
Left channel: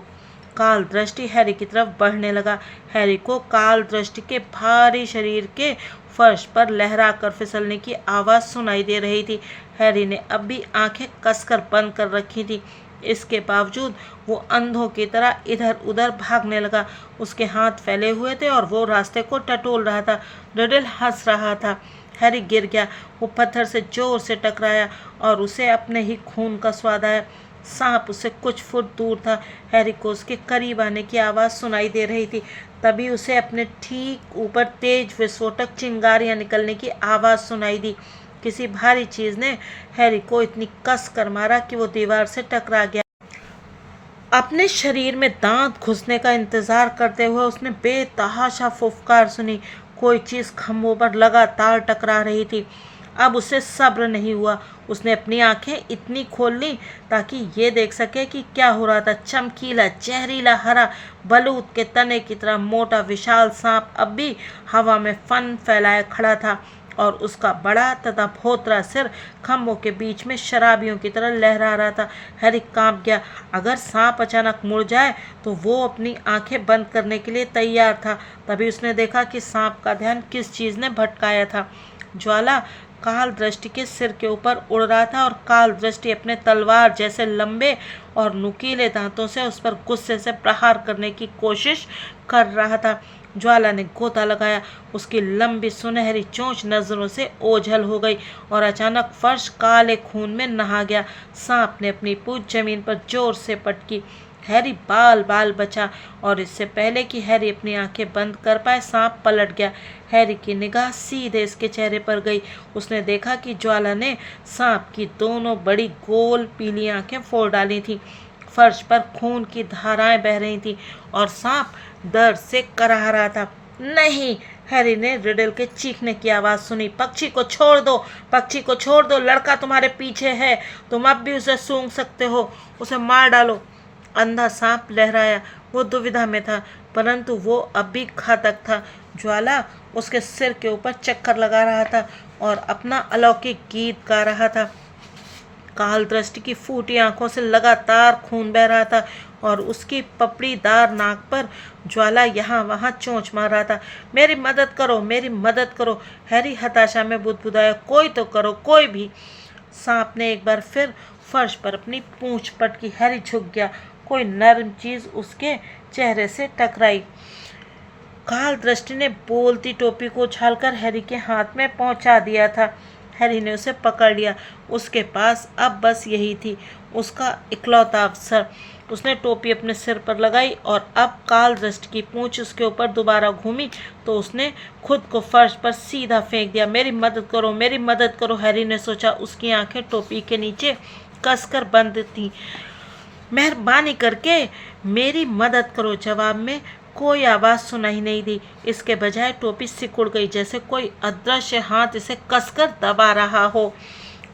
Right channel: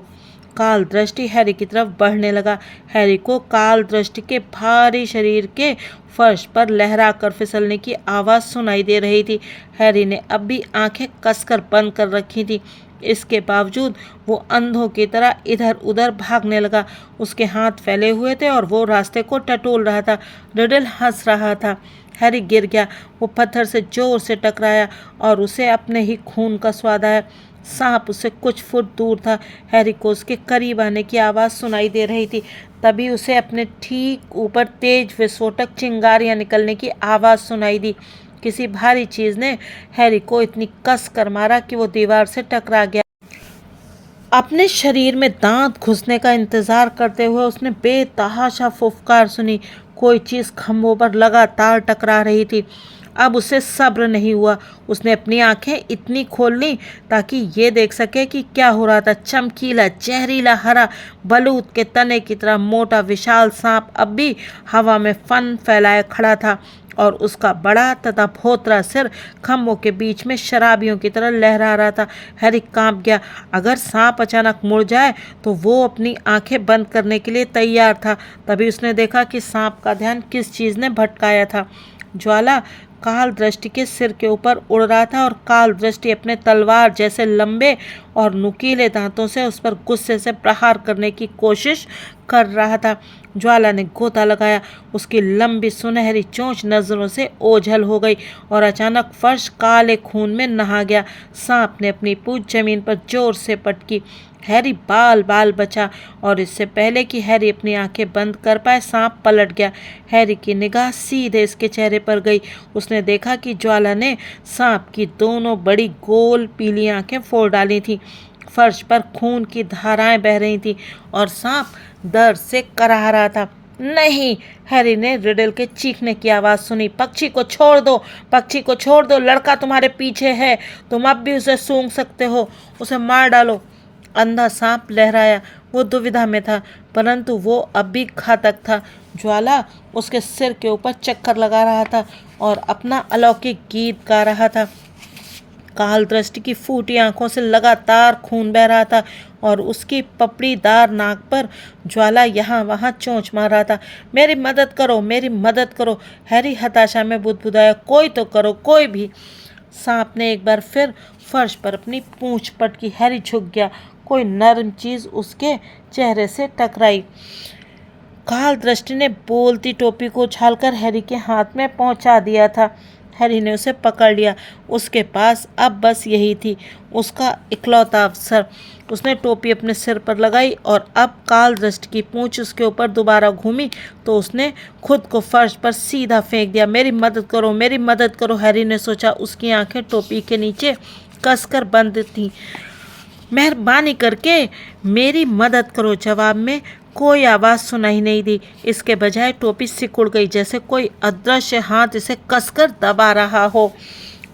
काल दृष्टि हैरी की तरफ बढ़ने लगा। हैरी को काल दृष्टि के भारी शरीर के फर्श पर लहरा कर फिसलने की आवाज़ सुनाई दे रही थी। हैरी ने अब भी आंखें कसकर बंद कर रखी थी। इसके बावजूद वो अंधों की तरह इधर उधर भागने लगा। उसके हाथ फैले हुए थे और वो रास्ते को टटोल रहा था। रिडल हंस रहा था। हैरी गिर गया। वो पत्थर से जोर से टकराया और उसे अपने ही खून का स्वाद आया। सांप उससे कुछ फुट दूर था। हैरी को उसके करीब आने की आवाज़ सुनाई दे रही थी। तभी उसे अपने ठीक ऊपर तेज विस्फोटक चिंगारियां निकलने की आवाज़ सुनाई दी। किसी भारी चीज़ ने हैरी को इतनी कस कर मारा कि वो दीवार से टकरा गया। अपने शरीर में दांत घुसने का इंतजार करते हुए उसने बेतहाशा फुफकार सुनी। कोई चीज़ खंभों पर लगातार टकरा रही थी। अब उसे सब्र नहीं हुआ। उसने अपनी आंखें इतनी खोल ली ताकि ये देख सके कि क्या हो रहा था। चमकीला जहरीला हरा बलूत के तने की तरह मोटा विशाल सांप अब भी हवा में फन फैलाए खड़ा था और उसका बड़ा तथा भोतरा सिर खम्भों के बीच में शराबियों की तरह लहरा रहा था। हैरी कांप गया। अगर सांप अचानक मुड़ जाए तो वो अपनी आंखें बंद करने के लिए तैयार था। तभी उसने देखा कि सांप का ध्यान किस चीज़ ने भटकाया था। ज्वाला काल दृष्टि के सिर के ऊपर उड़ रहा था और काल दृष्टि अपने तलवार जैसे लंबे और नुकीले दांतों से उस पर गुस्से से प्रहार करने की कोशिश कर रहा था। ज्वाला ने गोता लगाया। उसकी लंबी सुनहरी चोंच नजरों से ओझल हो गई और अचानक फर्श काले खून में नहा गया। सांप ने अपनी पूंछ जमीन पर जोर से पटकी। हैरी बाल बाल बचा और इससे पहले कि हैरी अपनी आंखें बंद कर पाए सांप पलट गया। हैरी की निगाह सीधे इसके चेहरे पर गई। उसने देखा कि ज्वाला ने सांप की दोनों बड़ी गोल पीली आंखें फोड़ डाली थीं। फर्श पर खून की धाराएं बह रही थीं और सांप दर्द से कराह रहा था। नहीं! हैरी ने रिडल के चीखने की आवाज़ सुनी। पक्षी को छोड़ दो, पक्षी को छोड़ दो, लड़का तुम्हारे पीछे है, तुम अब भी उसे सूंघ सकते हो, उसे मार डालो। अंधा सांप लहराया। वो दुविधा में था, परंतु वो अब भी घातक था। ज्वाला उसके सिर के ऊपर चक्कर लगा रहा था और अपना अलौकिक गीत गा रहा था। काल दृष्टि की फूटी आंखों से लगातार खून बह रहा था और उसकी पपड़ीदार नाक पर ज्वाला यहाँ वहाँ चोंच मार रहा था। मेरी मदद करो, मेरी मदद करो! हैरी हताशा में बुदबुदाया। कोई तो करो, कोई भी! सांप ने एक बार फिर फर्श पर अपनी पूंछ पटकी। हैरी झुक गया। कोई नर्म चीज़ उसके चेहरे से टकराई। काल दृष्टि ने बोलती टोपी को उछालकर हैरी के हाथ में पहुंचा दिया था। हैरी ने उसे पकड़ लिया। उसके पास अब बस यही थी, उसका इकलौता अवसर। उसने टोपी अपने सिर पर लगाई और अब काल दृष्टि की पूंछ उसके ऊपर दोबारा घूमी तो उसने खुद को फर्श पर सीधा फेंक दिया। मेरी मदद करो, मेरी मदद करो! हैरी ने सोचा। उसकी आंखें टोपी के नीचे कसकर बंद थीं। मेहरबानी करके मेरी मदद करो! जवाब में कोई आवाज़ सुनाई नहीं दी। इसके बजाय टोपी सिकुड़ गई, जैसे कोई अदृश्य हाथ इसे कसकर दबा रहा हो।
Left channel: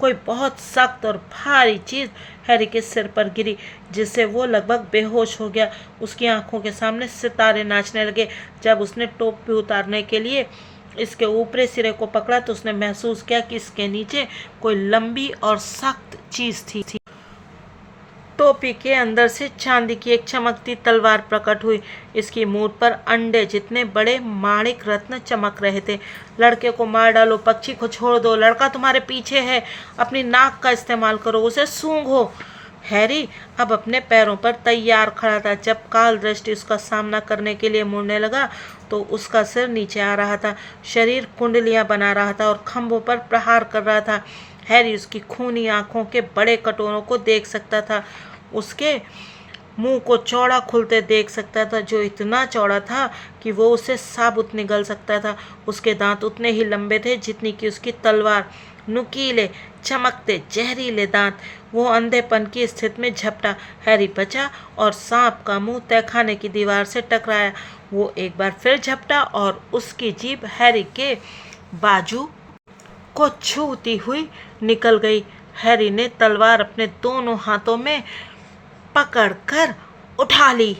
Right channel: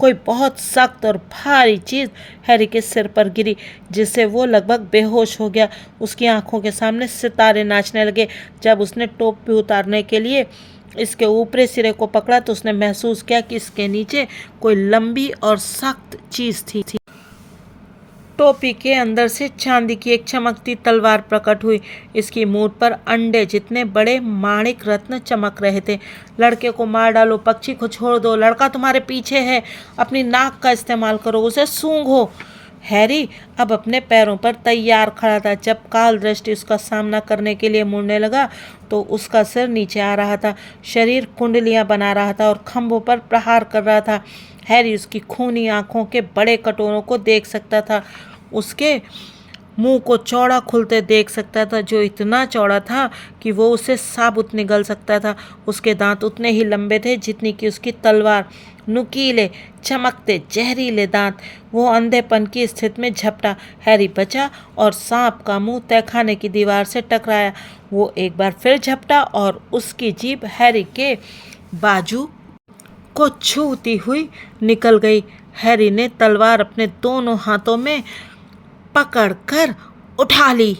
कोई बहुत सख्त और भारी चीज़ हैरी के सिर पर गिरी, जिससे वो लगभग बेहोश हो गया। उसकी आंखों के सामने सितारे नाचने लगे। जब उसने टोपी उतारने के लिए इसके ऊपरी सिरे को पकड़ा तो उसने महसूस किया कि इसके नीचे कोई लंबी और सख्त चीज़ थी। टोपी के अंदर से चांदी की एक चमकती तलवार प्रकट हुई। इसकी मूठ पर अंडे जितने बड़े माणिक रत्न चमक रहे थे। लड़के को मार डालो, पक्षी को छोड़ दो, लड़का तुम्हारे पीछे है, अपनी नाक का इस्तेमाल करो, उसे सूंघो। हैरी अब अपने पैरों पर तैयार खड़ा था। जब काल दृष्टि उसका सामना करने के लिए मुड़ने लगा तो उसका सिर नीचे आ रहा था, शरीर कुंडलियां बना रहा था और खंभों पर प्रहार कर रहा था। हैरी उसकी खूनी आंखों के बड़े कटोरों को देख सकता था, उसके मुंह को चौड़ा खुलते देख सकता था, जो इतना चौड़ा था कि वो उसे साबुत निगल सकता था। उसके दांत उतने ही लंबे थे जितनी कि उसकी तलवार नुकीले चमकते जहरीले दांत। वो अंधेपन की स्थिति में झपटा। हैरी बचा और सांप का मुंह तहखाने की दीवार से टकराया। वो एक बार फिर झपटा और उसकी जीभ हैरी के बाजू को छूती हुई निकल गई। हैरी ने तलवार अपने दोनों हाथों में पकड़कर उठा ली।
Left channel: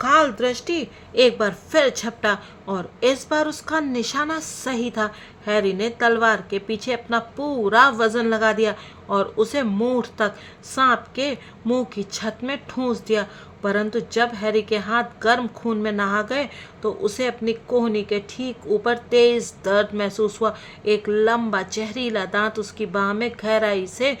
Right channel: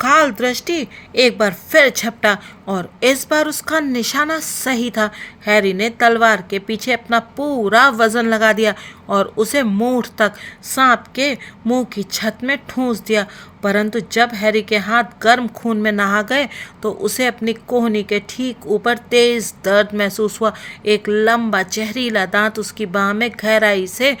काल दृष्टि एक बार फिर झपटा और इस बार उसका निशाना सही था। हैरी ने तलवार के पीछे अपना पूरा वजन लगा दिया और उसे मूठ तक सांप के मुंह की छत में ठूंस दिया। परंतु जब हैरी के हाथ गर्म खून में नहा गए तो उसे अपनी कोहनी के ठीक ऊपर तेज दर्द महसूस हुआ। एक लंबा जहरीला दांत उसकी बाह में गहराई से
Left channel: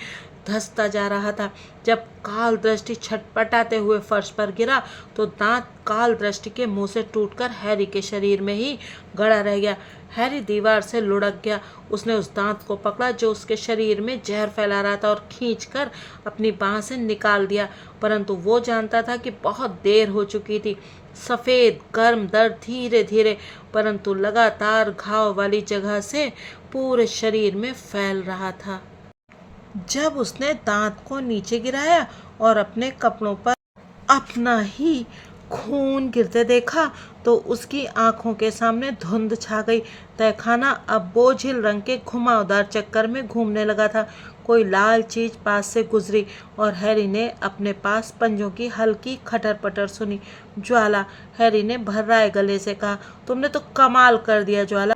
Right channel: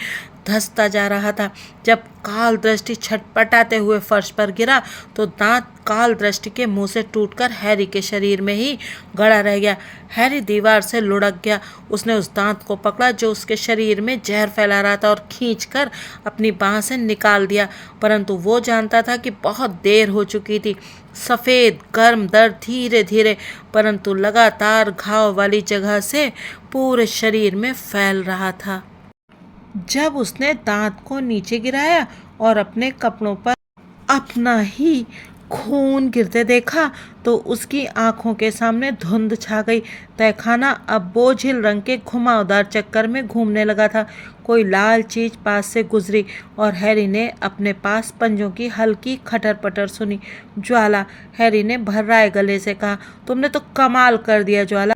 धंसता जा रहा था। जब काल दृष्टि छटपटाते हुए फर्श पर गिरा तो दांत काल दृष्टि के मुंह से टूटकर हैरी के शरीर में ही गड़ा रह गया। हैरी दीवार से लुढ़क गया। उसने उस दांत को पकड़ा जो उसके शरीर में जहर फैला रहा था और खींचकर अपनी बाह से निकाल दिया। परंतु वो जानता था कि बहुत देर हो चुकी थी। सफ़ेद गर्म दर्द धीरे धीरे परंतु लगातार घाव वाली जगह से पूरे शरीर में फैल रहा था। जब उसने दांत को नीचे गिराया और अपने कपड़ों पर अपना ही खून गिरते देखा तो उसकी आंखों के सामने धुंध छा गई। तहखाना अब बोझिल रंग के घुमावदार चक्कर में घूमने लगा था। कोई लाल चीज पास से गुजरी और हैरी ने अपने पास पंजों की हल्की खटर पटर सुनी। ज्वाला, हैरी ने भर्राए गले से कहा, तुमने तो कमाल कर दिया ज्वाला।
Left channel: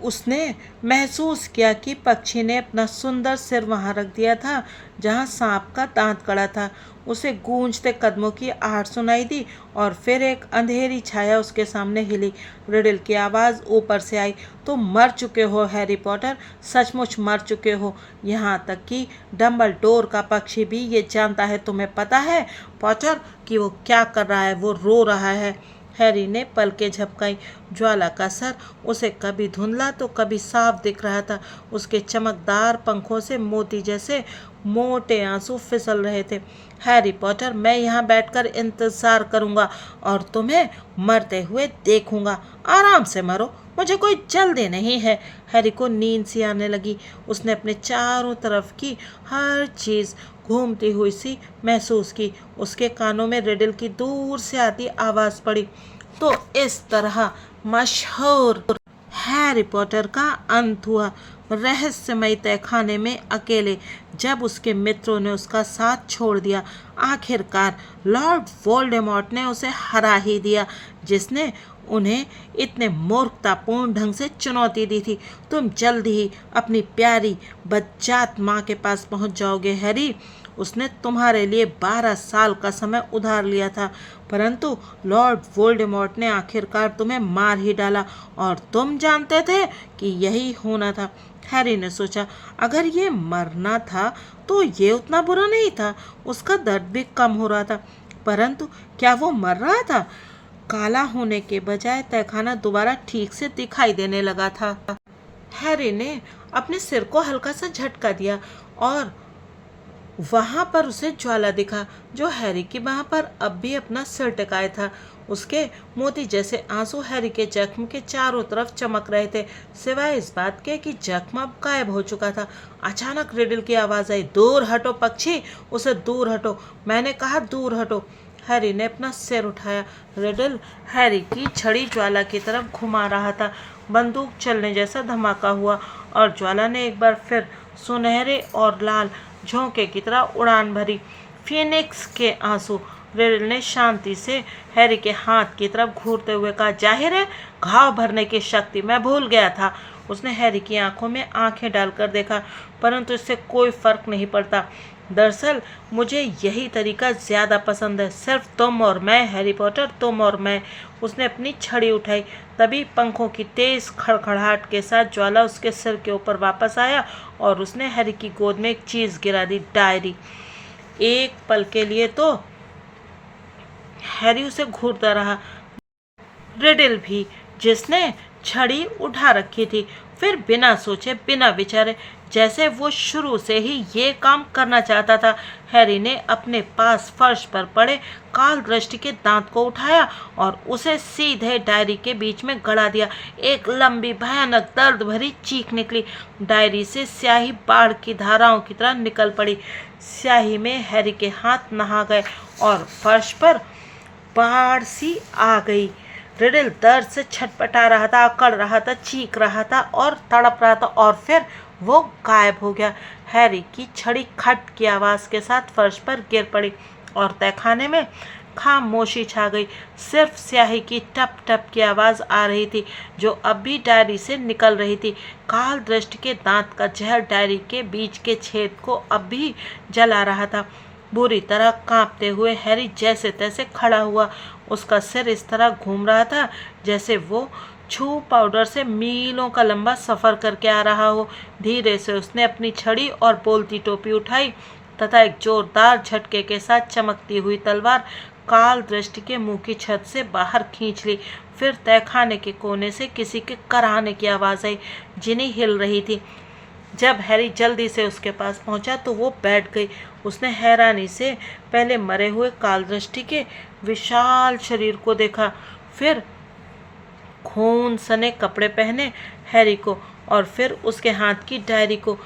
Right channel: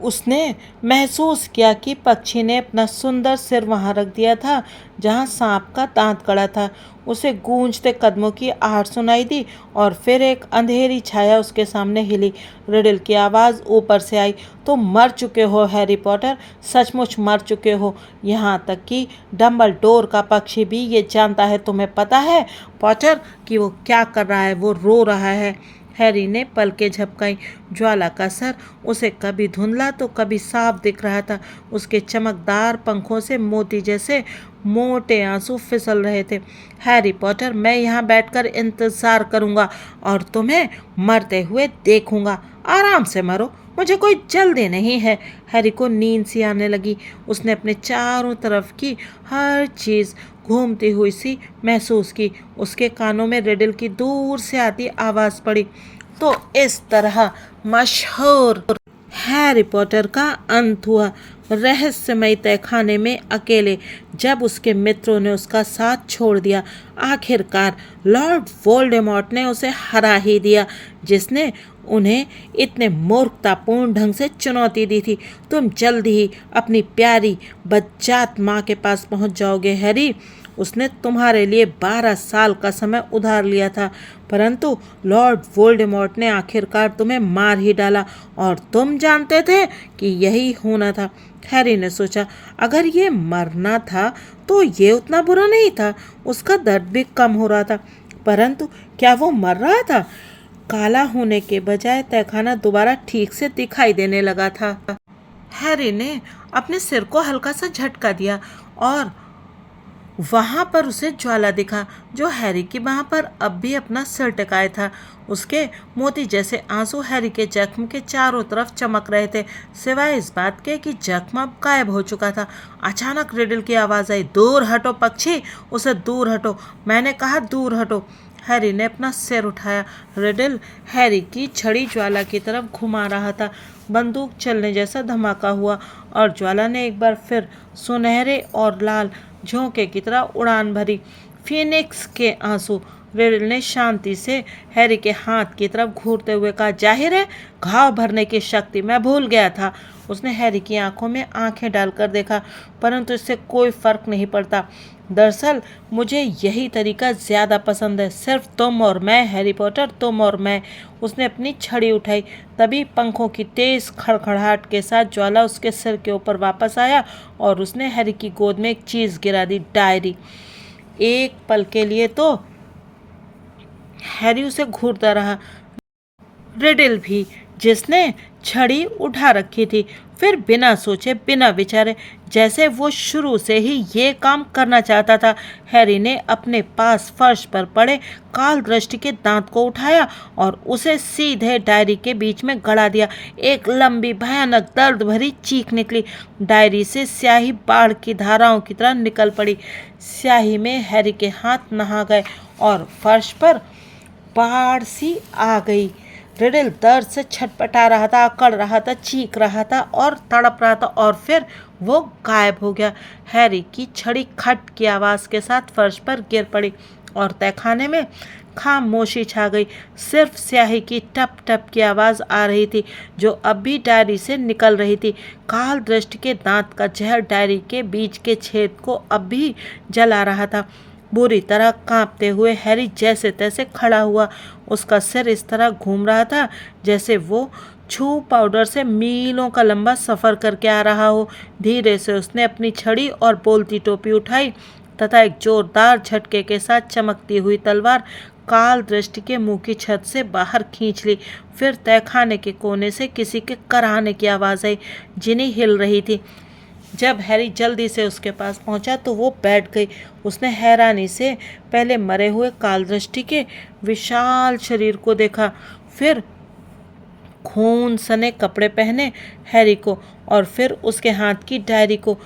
उसने महसूस किया कि पक्षी ने अपना सुंदर सिर वहां रख दिया था जहां सांप का दांत कड़ा था। उसे गूंजते कदमों की आहट सुनाई दी और फिर एक अंधेरी छाया उसके सामने हिली। रिडल की आवाज़ ऊपर से आई, तुम मर चुके हो हैरी पॉटर, सचमुच मर चुके हो। यहाँ तक कि डम्बलडोर का पक्षी भी ये जानता है। तुम्हें पता है पॉटर कि वो क्या कर रहा है? वो रो रहा है। हैरी ने पलकें झपकाई। ज्वाला का सर उसे कभी धुंधला तो कभी साफ दिख रहा था। उसके चमकदार पंखों से मोती जैसे मोटे आंसू फिसल रहे थे। हैरी पॉटर, मैं यहाँ बैठकर इंतजार करूंगा और तुम्हें मरते हुए देखूंगा। आराम से मरो, मुझे कोई जल्दी नहीं है। हैरी को नींद सी आने लगी। उसने अपने चारों तरफ की हर चीज़ घूमती हुई सी महसूस की। उसके कानों में रिडल की दूर से आती आवाज़ पड़ी। तो इस तरह मशहूर हैरी पॉटर का अंत हुआ। रहस्यमय तहखाने में अकेले जब उसके मित्रों ने उसका साथ छोड़ दिया। आखिरकार लॉर्ड वोल्डेमॉर्ट ने उसे हरा ही दिया जिसने उन्हें इतने मूर्खतापूर्ण ढंग से चुनौती दी थी। तुम जल्द ही अपनी प्यारी बच्चात माँ के पास पहुँच जाओगे हैरी। उसने तुम्हारे लिए 12 साल का समय उधार लिया था परंतु लॉर्ड वोल्डेमॉर्ट ने आखिरकार तुम्हें मार ही डाला और तुम जानते थे कि यही होना था। हैरी ने सोचा, अगर ये मरना था तो ये उतना बुरा नहीं था। उसका दर्द भी कम हो रहा था। परंतु क्या वो मर रहा था? काला होने के बजाय तहखाना दोबारा ठीक से दिखाई देने लगा था। हैरी ने अपने सिर को हल्का सा झटका दिया और वहां पर उसे ज्वाला दिखा जो हैरी की बाह पर अब भी अपना सिर टिकाए था। उसके मोती जैसे आंसू हैरी के जख्म के चारों तरफ चमक रहे थे सिवाय इस बात के कि जख्म अब गायब हो चुका था। अचानक रिडल की आवाज़ आई, दूर हटो पक्षी, उसे दूर हटो, मैंने कहा दूर हटो। हैरी ने अपना सिर उठाया। रिडल हैरी की छड़ी ज्वाला की तरफ घुमा रहा था। बंदूक चलने जैसा धमाका हुआ और ज्वाला ने एक बार फिर सुनहरे और लाल झोंके की तरह उड़ान भरी। फिनिक्स के आंसू। रिडल ने शांति से हैरी के हाथ की तरफ घूरते हुए कहा, जाहिर है घाव भरने की शक्ति मैं भूल गया था। उसने हैरी की आंखों में आंखें डालकर देखा परंतु इससे कोई फर्क नहीं पड़ता। दरअसल मुझे यही तरीका ज़्यादा पसंद है। सिर्फ तुम और मैं हैरी पॉटर, तुम और मैं। उसने अपनी छड़ी उठाई। तभी पंखों की तेज खड़खड़ाहट के साथ ज्वाला उसके सिर के ऊपर वापस आया और उसने हैरी की गोद में एक चीज़ गिरा दी, डायरी। एक पल के लिए तो हैरी उसे घूरता रहा, रिडल भी जिसने छड़ी उठा रखी थी। फिर बिना सोचे बिना विचारे जैसे वो शुरू से ही ये काम करना चाहता था। हैरी ने अपने पास फर्श पर पड़े काल दृष्टि के दांत को उठाया और उसे सीधे डायरी के बीच में गड़ा दिया। एक लंबी भयानक दर्द भरी चीख निकली। डायरी से स्याही बाढ़ की धाराओं की तरह निकल पड़ी। स्याही में हैरी के हाथ नहा गए और फर्श पर बाढ़ सी आ गई। रिडल दर्द से छटपटा रहा था, अकड़ रहा था, चीख रहा था और तड़प रहा था, और फिर वो गायब हो गया। हैरी की छड़ी खट की आवाज़ के साथ फर्श पर गिर पड़ी और तहखाने में खामोशी छा गई। सिर्फ स्याही की टप टप की आवाज़ आ रही थी जो अब भी डायरी से निकल रही थी। काल दृष्टि के दांत का जहर डायरी के बीच के छेद को अब भी जला रहा था। बुरी तरह कांपते हुए हैरी जैसे तैसे खड़ा हुआ। उसका सिर इस तरह घूम रहा था जैसे वो छू पाउडर से मीलों का लंबा सफ़र करके आ रहा हो। धीरे से उसने अपनी छड़ी और बोलती टोपी उठाई तथा एक जोरदार झटके के साथ चमकती हुई तलवार काल दृष्टि के मुंह की छत से बाहर खींच ली। फिर तहखाने के कोने से किसी के कराहने की आवाज़ आई। जिनी हिल रही थी। जब हैरी जल्दी से उसके पास पहुंचा तो वो बैठ गई। उसने हैरानी से पहले मरे हुए कालदृष्टि के विशाल शरीर को देखा, फिर खून सने कपड़े पहने हैरी को, और फिर उसके हाथ की डायरी को।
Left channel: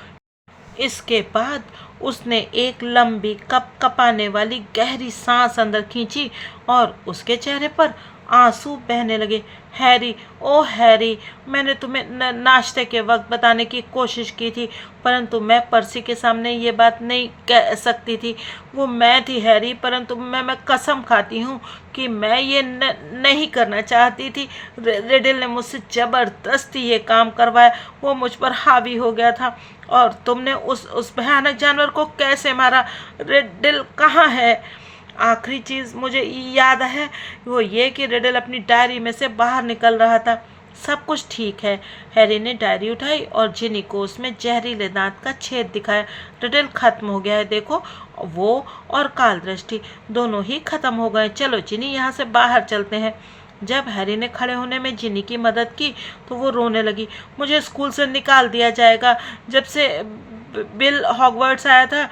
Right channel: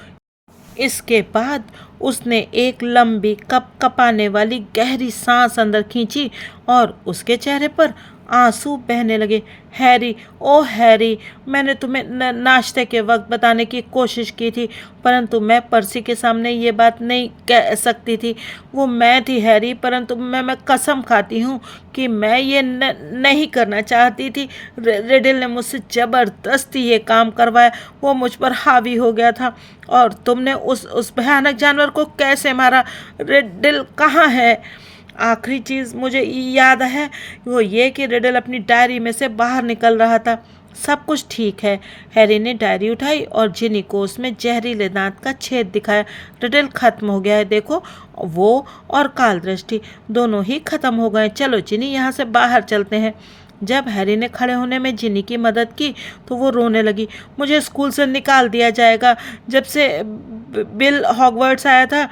इसके बाद उसने एक लंबी कपाने वाली गहरी सांस अंदर खींची और उसके चेहरे पर आंसू बहने लगे। हैरी, ओ हैरी, मैंने तुम्हें नाश्ते के वक्त बताने की कोशिश की थी, परंतु मैं पर्सी के सामने ये बात नहीं कह सकती थी। वो मैं थी हैरी, परंतु मैं कसम खाती हूँ कि मैं ये नहीं करना चाहती थी। रिडल ने मुझसे ज़बरदस्ती ये काम करवाया। वो मुझ पर हावी हो गया था। और तुमने उस भयानक जानवर को कैसे मारा? रिडल कहाँ है? आखिरी चीज़ मुझे याद है वो ये कि रिडल अपनी डायरी में से बाहर निकल रहा था। सब कुछ ठीक है। हैरी ने डायरी उठाई और जिनी को उसमें जहरीले दांत का छेद दिखाया। रिडल खत्म हो गया है, देखो। वो और काल दृष्टि दोनों ही खत्म हो गए। चलो जिनी, यहाँ से बाहर चलते हैं। जब हैरी ने खड़े होने में जिनी की मदद की तो वो रोने लगी। मुझे स्कूल से निकाल दिया जाएगा। जब से बिल हॉगवर्ट्स आया था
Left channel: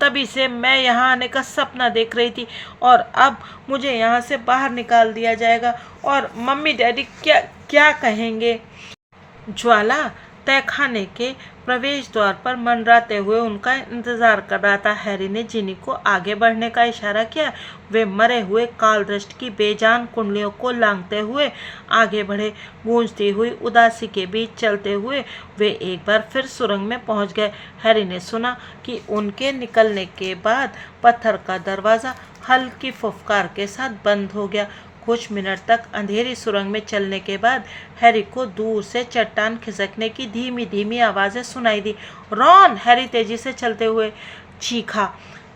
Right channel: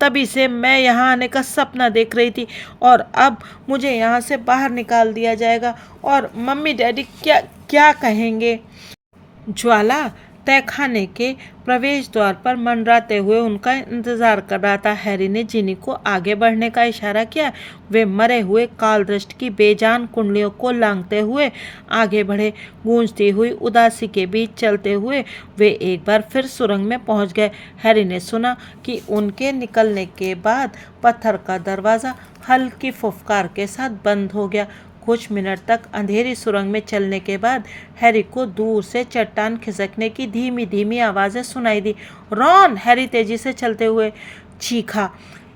तभी से मैं यहाँ आने का सपना देख रही थी, और अब मुझे यहाँ से बाहर निकाल दिया जाएगा। और मम्मी डैडी क्या क्या कहेंगे? ज्वाला तहखाने के प्रवेश द्वार पर मंडराते हुए उनका इंतजार कर रहा था। हैरी ने जिनी को आगे बढ़ने का इशारा किया। वे मरे हुए कालदृष्टि की बेजान कुंडलियों को लांघते हुए आगे बढ़े। गूंजती हुई उदासी के बीच चलते हुए वे एक बार फिर सुरंग में पहुंच गए। हैरी ने सुना कि उनके निकलने के बाद पत्थर का दरवाज़ा हल्की फुफकार के साथ बंद हो गया। कुछ मिनट तक अंधेरी सुरंग में चलने के बाद हैरी को दूर से चट्टान खिसकने की धीमी धीमी आवाज़ें सुनाई दी। रॉन! हैरी तेजी से चलते हुए चीखा।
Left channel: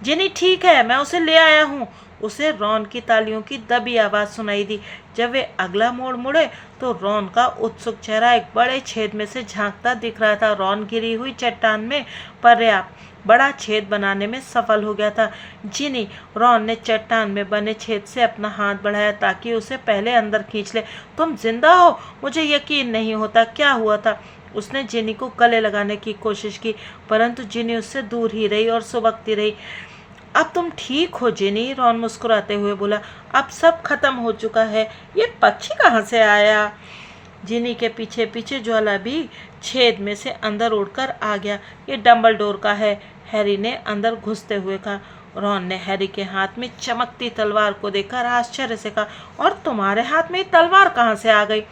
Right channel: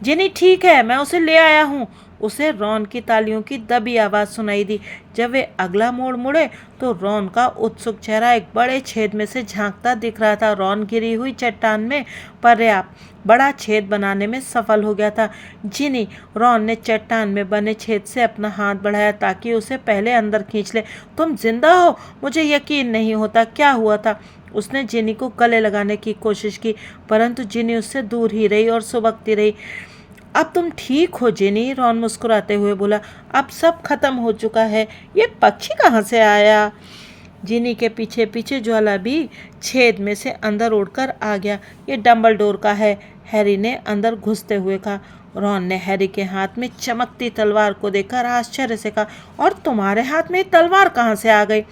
जिनी ठीक है, मैं उसे ले आया हूँ। उसे रॉन की तालियों की दबी आवाज़ सुनाई दी। जब वे अगला मोड़ मुड़े तो रॉन का उत्सुक चेहरा एक बड़े छेद में से झांकता दिख रहा था। रॉन गिरी हुई चट्टान में पर्याप्त बड़ा छेद बनाने में सफल हो गया था। जिनी, रॉन ने चट्टान में बने छेद से अपना हाथ बढ़ाया ताकि उसे पहले अंदर खींच ले। तुम जिंदा हो? मुझे यकीन नहीं होता। क्या हुआ था? उसने जिनी को गले लगाने की कोशिश की, परंतु जिनी उससे दूर ही रही और सुबकती रही। अब तुम ठीक हो जिनी? रॉन मुस्कुराते हुए बोला। अब सब खत्म हो चुका है। ये पक्षी कहाँ से आया? जिनी के पीछे पीछे ज्वाला भी छेद में से अंदर उड़कर आ गया। ये डंबलडोर का है, हैरी ने अंदर घुसते हुए कहा। रॉन ने हैरी के हाथ में चमकती तलवार को देखकर आश्चर्य से कहा, और तुम्हारे हाथ में तलवार कहाँ से आ गई?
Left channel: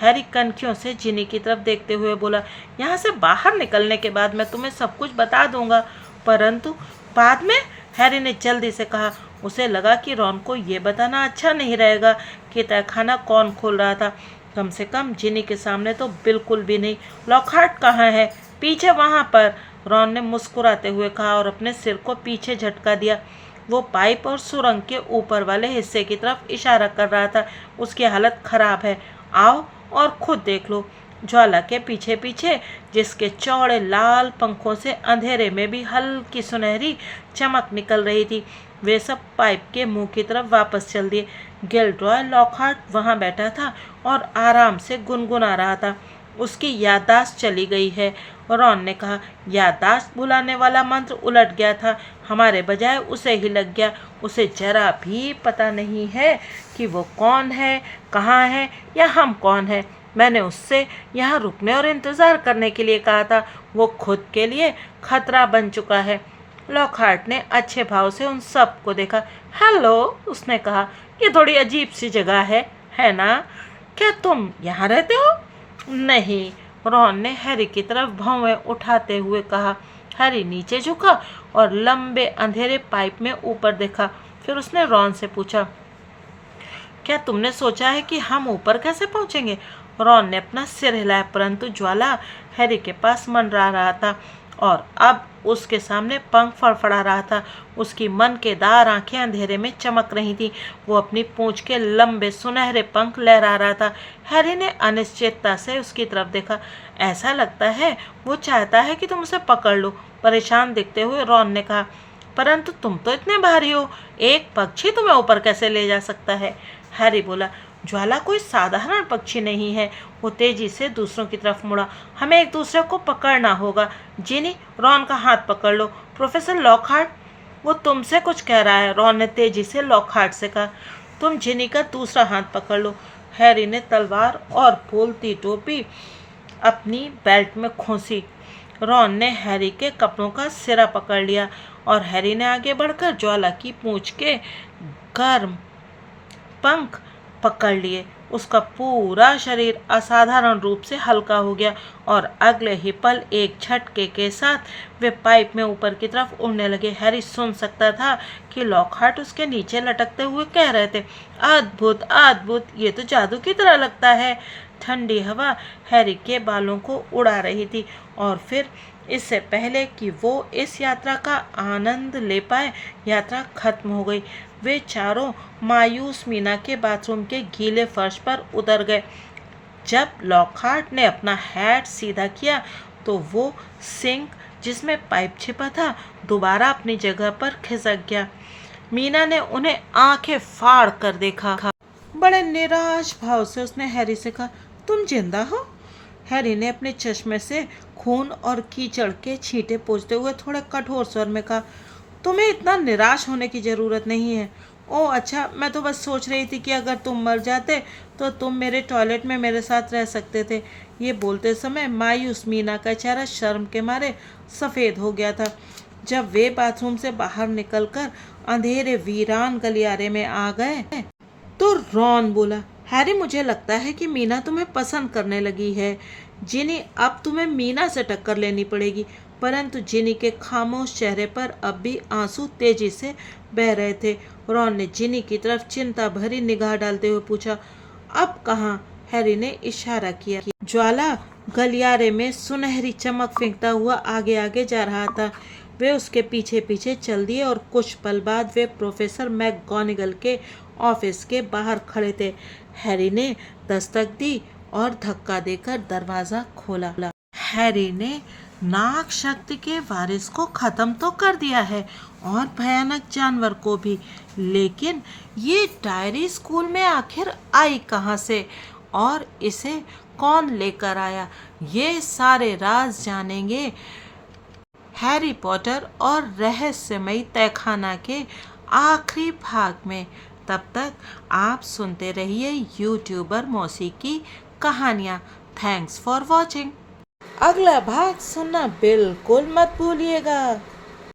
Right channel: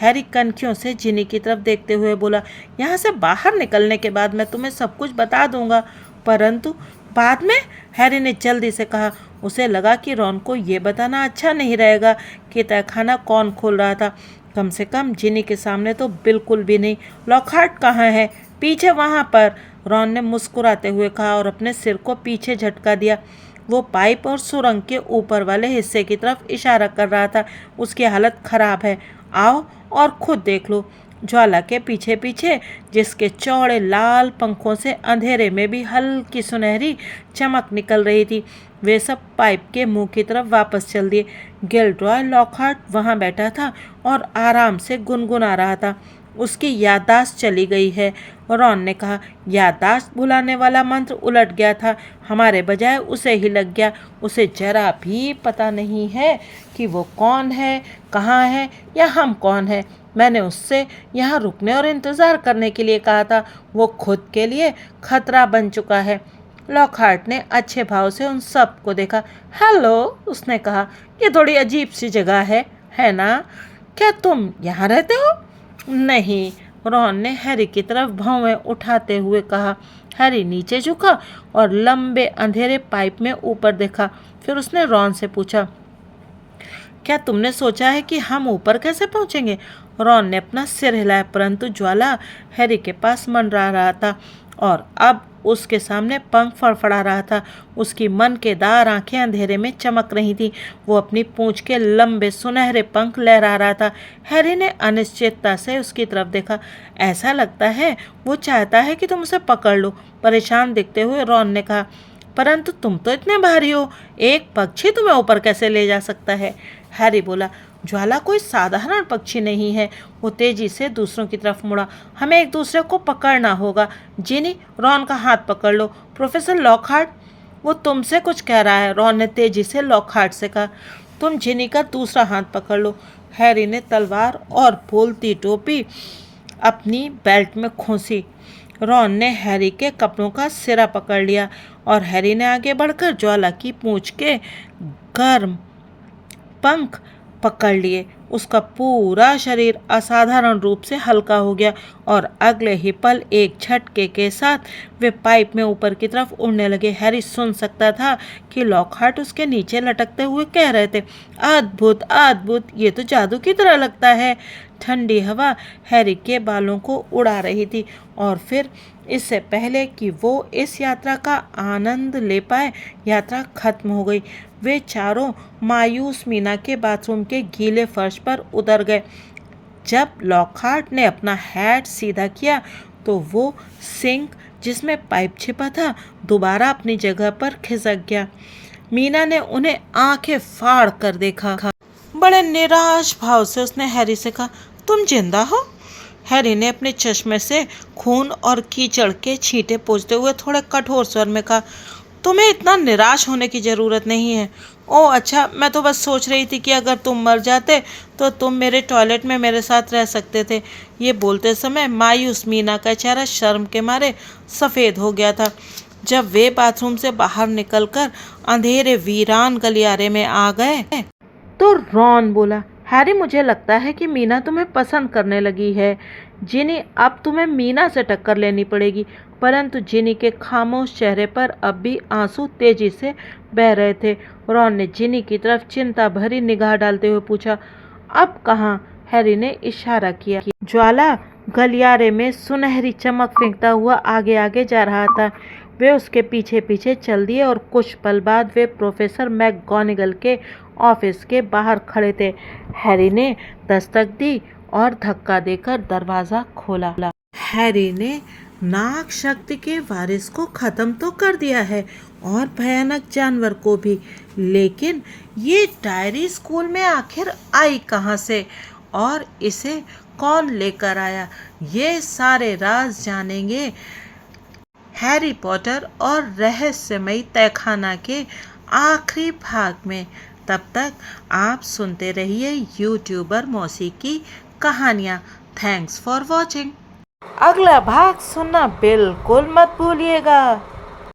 हैरी कनखियों से जिनी की तरफ देखते हुए बोला, यहाँ से बाहर निकलने के बाद मैं तुम्हें सब कुछ बता दूंगा। परंतु बाद में? हैरी ने जल्दी से कहा। उसे लगा कि रॉन को ये बताना अच्छा नहीं रहेगा कि तहखाना कौन खोल रहा था। कम से कम जिनी के सामने तो बिल्कुल भी नहीं। लॉकहार्ट कहाँ है? पीछे वहाँ पर, रॉन ने मुस्कुराते हुए कहा और अपने सिर को पीछे झटका दिया। वो पाइप और सुरंग के ऊपर वाले हिस्से की तरफ इशारा कर रहा था। उसकी हालत खराब है। आओ और खुद देख लो। ज्वाला के पीछे पीछे, जिसके चौड़े लाल पंखों से अंधेरे में भी हल्की सुनहरी चमक निकल रही थी, वे सब पाइप के मुंह की तरफ वापस चल दिए। गिल्डरॉय लॉकहार्ट वहाँ बैठा था और आराम से गुनगुना रहा था। उसकी याददाश्त चली गई है। रॉन ने कहा, याददाश्त भुलाने वाला मंत्र उलट गया था, हमारे बजाय उसे ही लग गया। उसे जरा भी पता नहीं है कि वो कौन है, कहाँ है या हम कौन है। मैंने उससे यहाँ रुकने और इंतज़ार करने के लिए कहा था। वो खुद के लिए खतरा बन चुका है। लॉकहार्ट ने अच्छे भाव से उन सब को देखा। हेलो, उसने कहा, ये थोड़ी अजीब सी जगह है ना? क्या तुम यहाँ रहते हो? नहीं, रॉन ने हैरी की तरफ भौंवें उठाते हुए कहा। हैरी नीचे झुका और लंबे अंधेरे पाइप में ऊपर देखा। फिर उसने रॉन से पूछा, क्या तुमने सोचा है कि हम ऊपर कैसे पहुंचेंगे? रॉन ने अपना सिर हिलाया, परंतु ज्वाला हैरी के पास मंडरा रहा था और अब उसके सामने पंख फड़फड़ा रहा था। उसकी मनकेदार आंखें अंधेरे में चमक रही थीं। वो अपनी पूंछ के लंबे सुनहरे पंख लहरा रहा था। हैरी ने अनिश्चितता से उसकी तरफ देखा। ऐसा लगता है वो चाहता है कि तुम उसे पकड़ लो, परेशान दिखते हुए रॉन ने कहा। परंतु तुम तो इतने भारी हो, एक पक्षी तुम्हें ऊपर कैसे ले जा सकता है? हैरी बोला, ज्वाला कोई साधारण पक्षी नहीं है। वो तेजी से दूसरों की तरफ मुड़ा। हमें एक दूसरे को पकड़ना होगा। जिनी, रॉन का हाथ पकड़ लो। प्रोफेसर लॉकहार्ट, वो तुमसे कुछ कह रहा है, रॉन ने तेजी से लॉकहार्ट से कहा। तुम जिनी का दूसरा हाथ पकड़ लो। हैरी ने तलवार और फूलती टोपी अपनी बेल्ट में खोसी। रॉन ने हैरी के कपड़ों का सिरा पकड़ लिया और हैरी ने आगे बढ़कर ज्वाला की पूंछ के गर्म पंख पकड़ लिए। उसका पूरा शरीर असाधारण रूप से हल्का हो गया और अगले ही पल एक झटके के साथ वे पाइप में ऊपर की तरफ उड़ने लगे। हैरी सुन सकता था कि लॉकहार्ट उसके नीचे लटकते हुए कह रहे थे, अद्भुत अद्भुत, ये तो जादू की तरह लगता है। ठंडी हवा हैरी के बालों को उड़ा रही थी और फिर इससे पहले कि वो इस यात्रा का आनंद ले पाए, यात्रा खत्म हो गई। वे चारों मायूस मीना के बाथरूम के गीले फर्श पर उतर गए। जब लॉकहार्ट ने अपना हैट सीधा किया तो वो सिंक जिसमें पाइप छिपा था दोबारा अपनी जगह पर खिसक गया। मीना ने उन्हें आंखें फाड़ कर देखा। बड़े निराश भाव से उसने हैरी से कहा, तुम जिंदा हो? हैरी ने अपने चश्मे से खून और कीचड़ के छींटे पोंछते हुए थोड़े कठोर स्वर में कहा, तुम्हें इतना निराश होने की ज़रूरत नहीं है। ओह अच्छा, मैं तो बस सोच रही थी कि अगर तुम मर जाते तो तुम मेरे टॉयलेट में मेरे साथ रह सकते थे। ये बोलते समय मायूस मीना का चेहरा शर्म के मारे सफ़ेद हो गया था। जब वे बाथरूम से बाहर निकलकर अंधेरे वीरान गलियारे में आ गए तो रॉन बोला, हैरी, मुझे लगता है कि मीना तुम्हें पसंद करने लगी है। जिनी, अब तुम्हें मीना से टक्कर लेनी पड़ेगी। परंतु जिनी के खामोश चेहरे पर अब भी आंसू तेजी से बह रहे थे। रॉन ने जिनी की तरफ चिंता भरी निगाह डालते हुए पूछा, अब कहाँ? हैरी ने इशारा किया। ज्वाला गलियारे में सुनहरी चमक फेंकता हुआ आगे आगे जा रहा था। वे उसके पीछे पीछे चल दिए और कुछ पल बाद वे प्रोफेसर मैकगोनागल के ऑफिस के बाहर खड़े थे। हैरी ने दस्तक दी और धक्का देकर दरवाज़ा खोला। हैरी ने नाग शक्ति के वारिस को ख़त्म तो कर दिया है और भयानक जानवर को भी, लेकिन ये डायरी स्कूल में आखिर आई कहाँ से और इसे कौन लेकर आया? ये सारे राज जानेंगे हैरी पॉटर और रहस्यमयी तहखाना के आखिरी भाग में। तब तक आप सुनते रहिए यूट्यूबर मौसी की कहानियाँ। Thanks for watching. अगला भाग सुनना बिल्कुल मत भूलिएगा।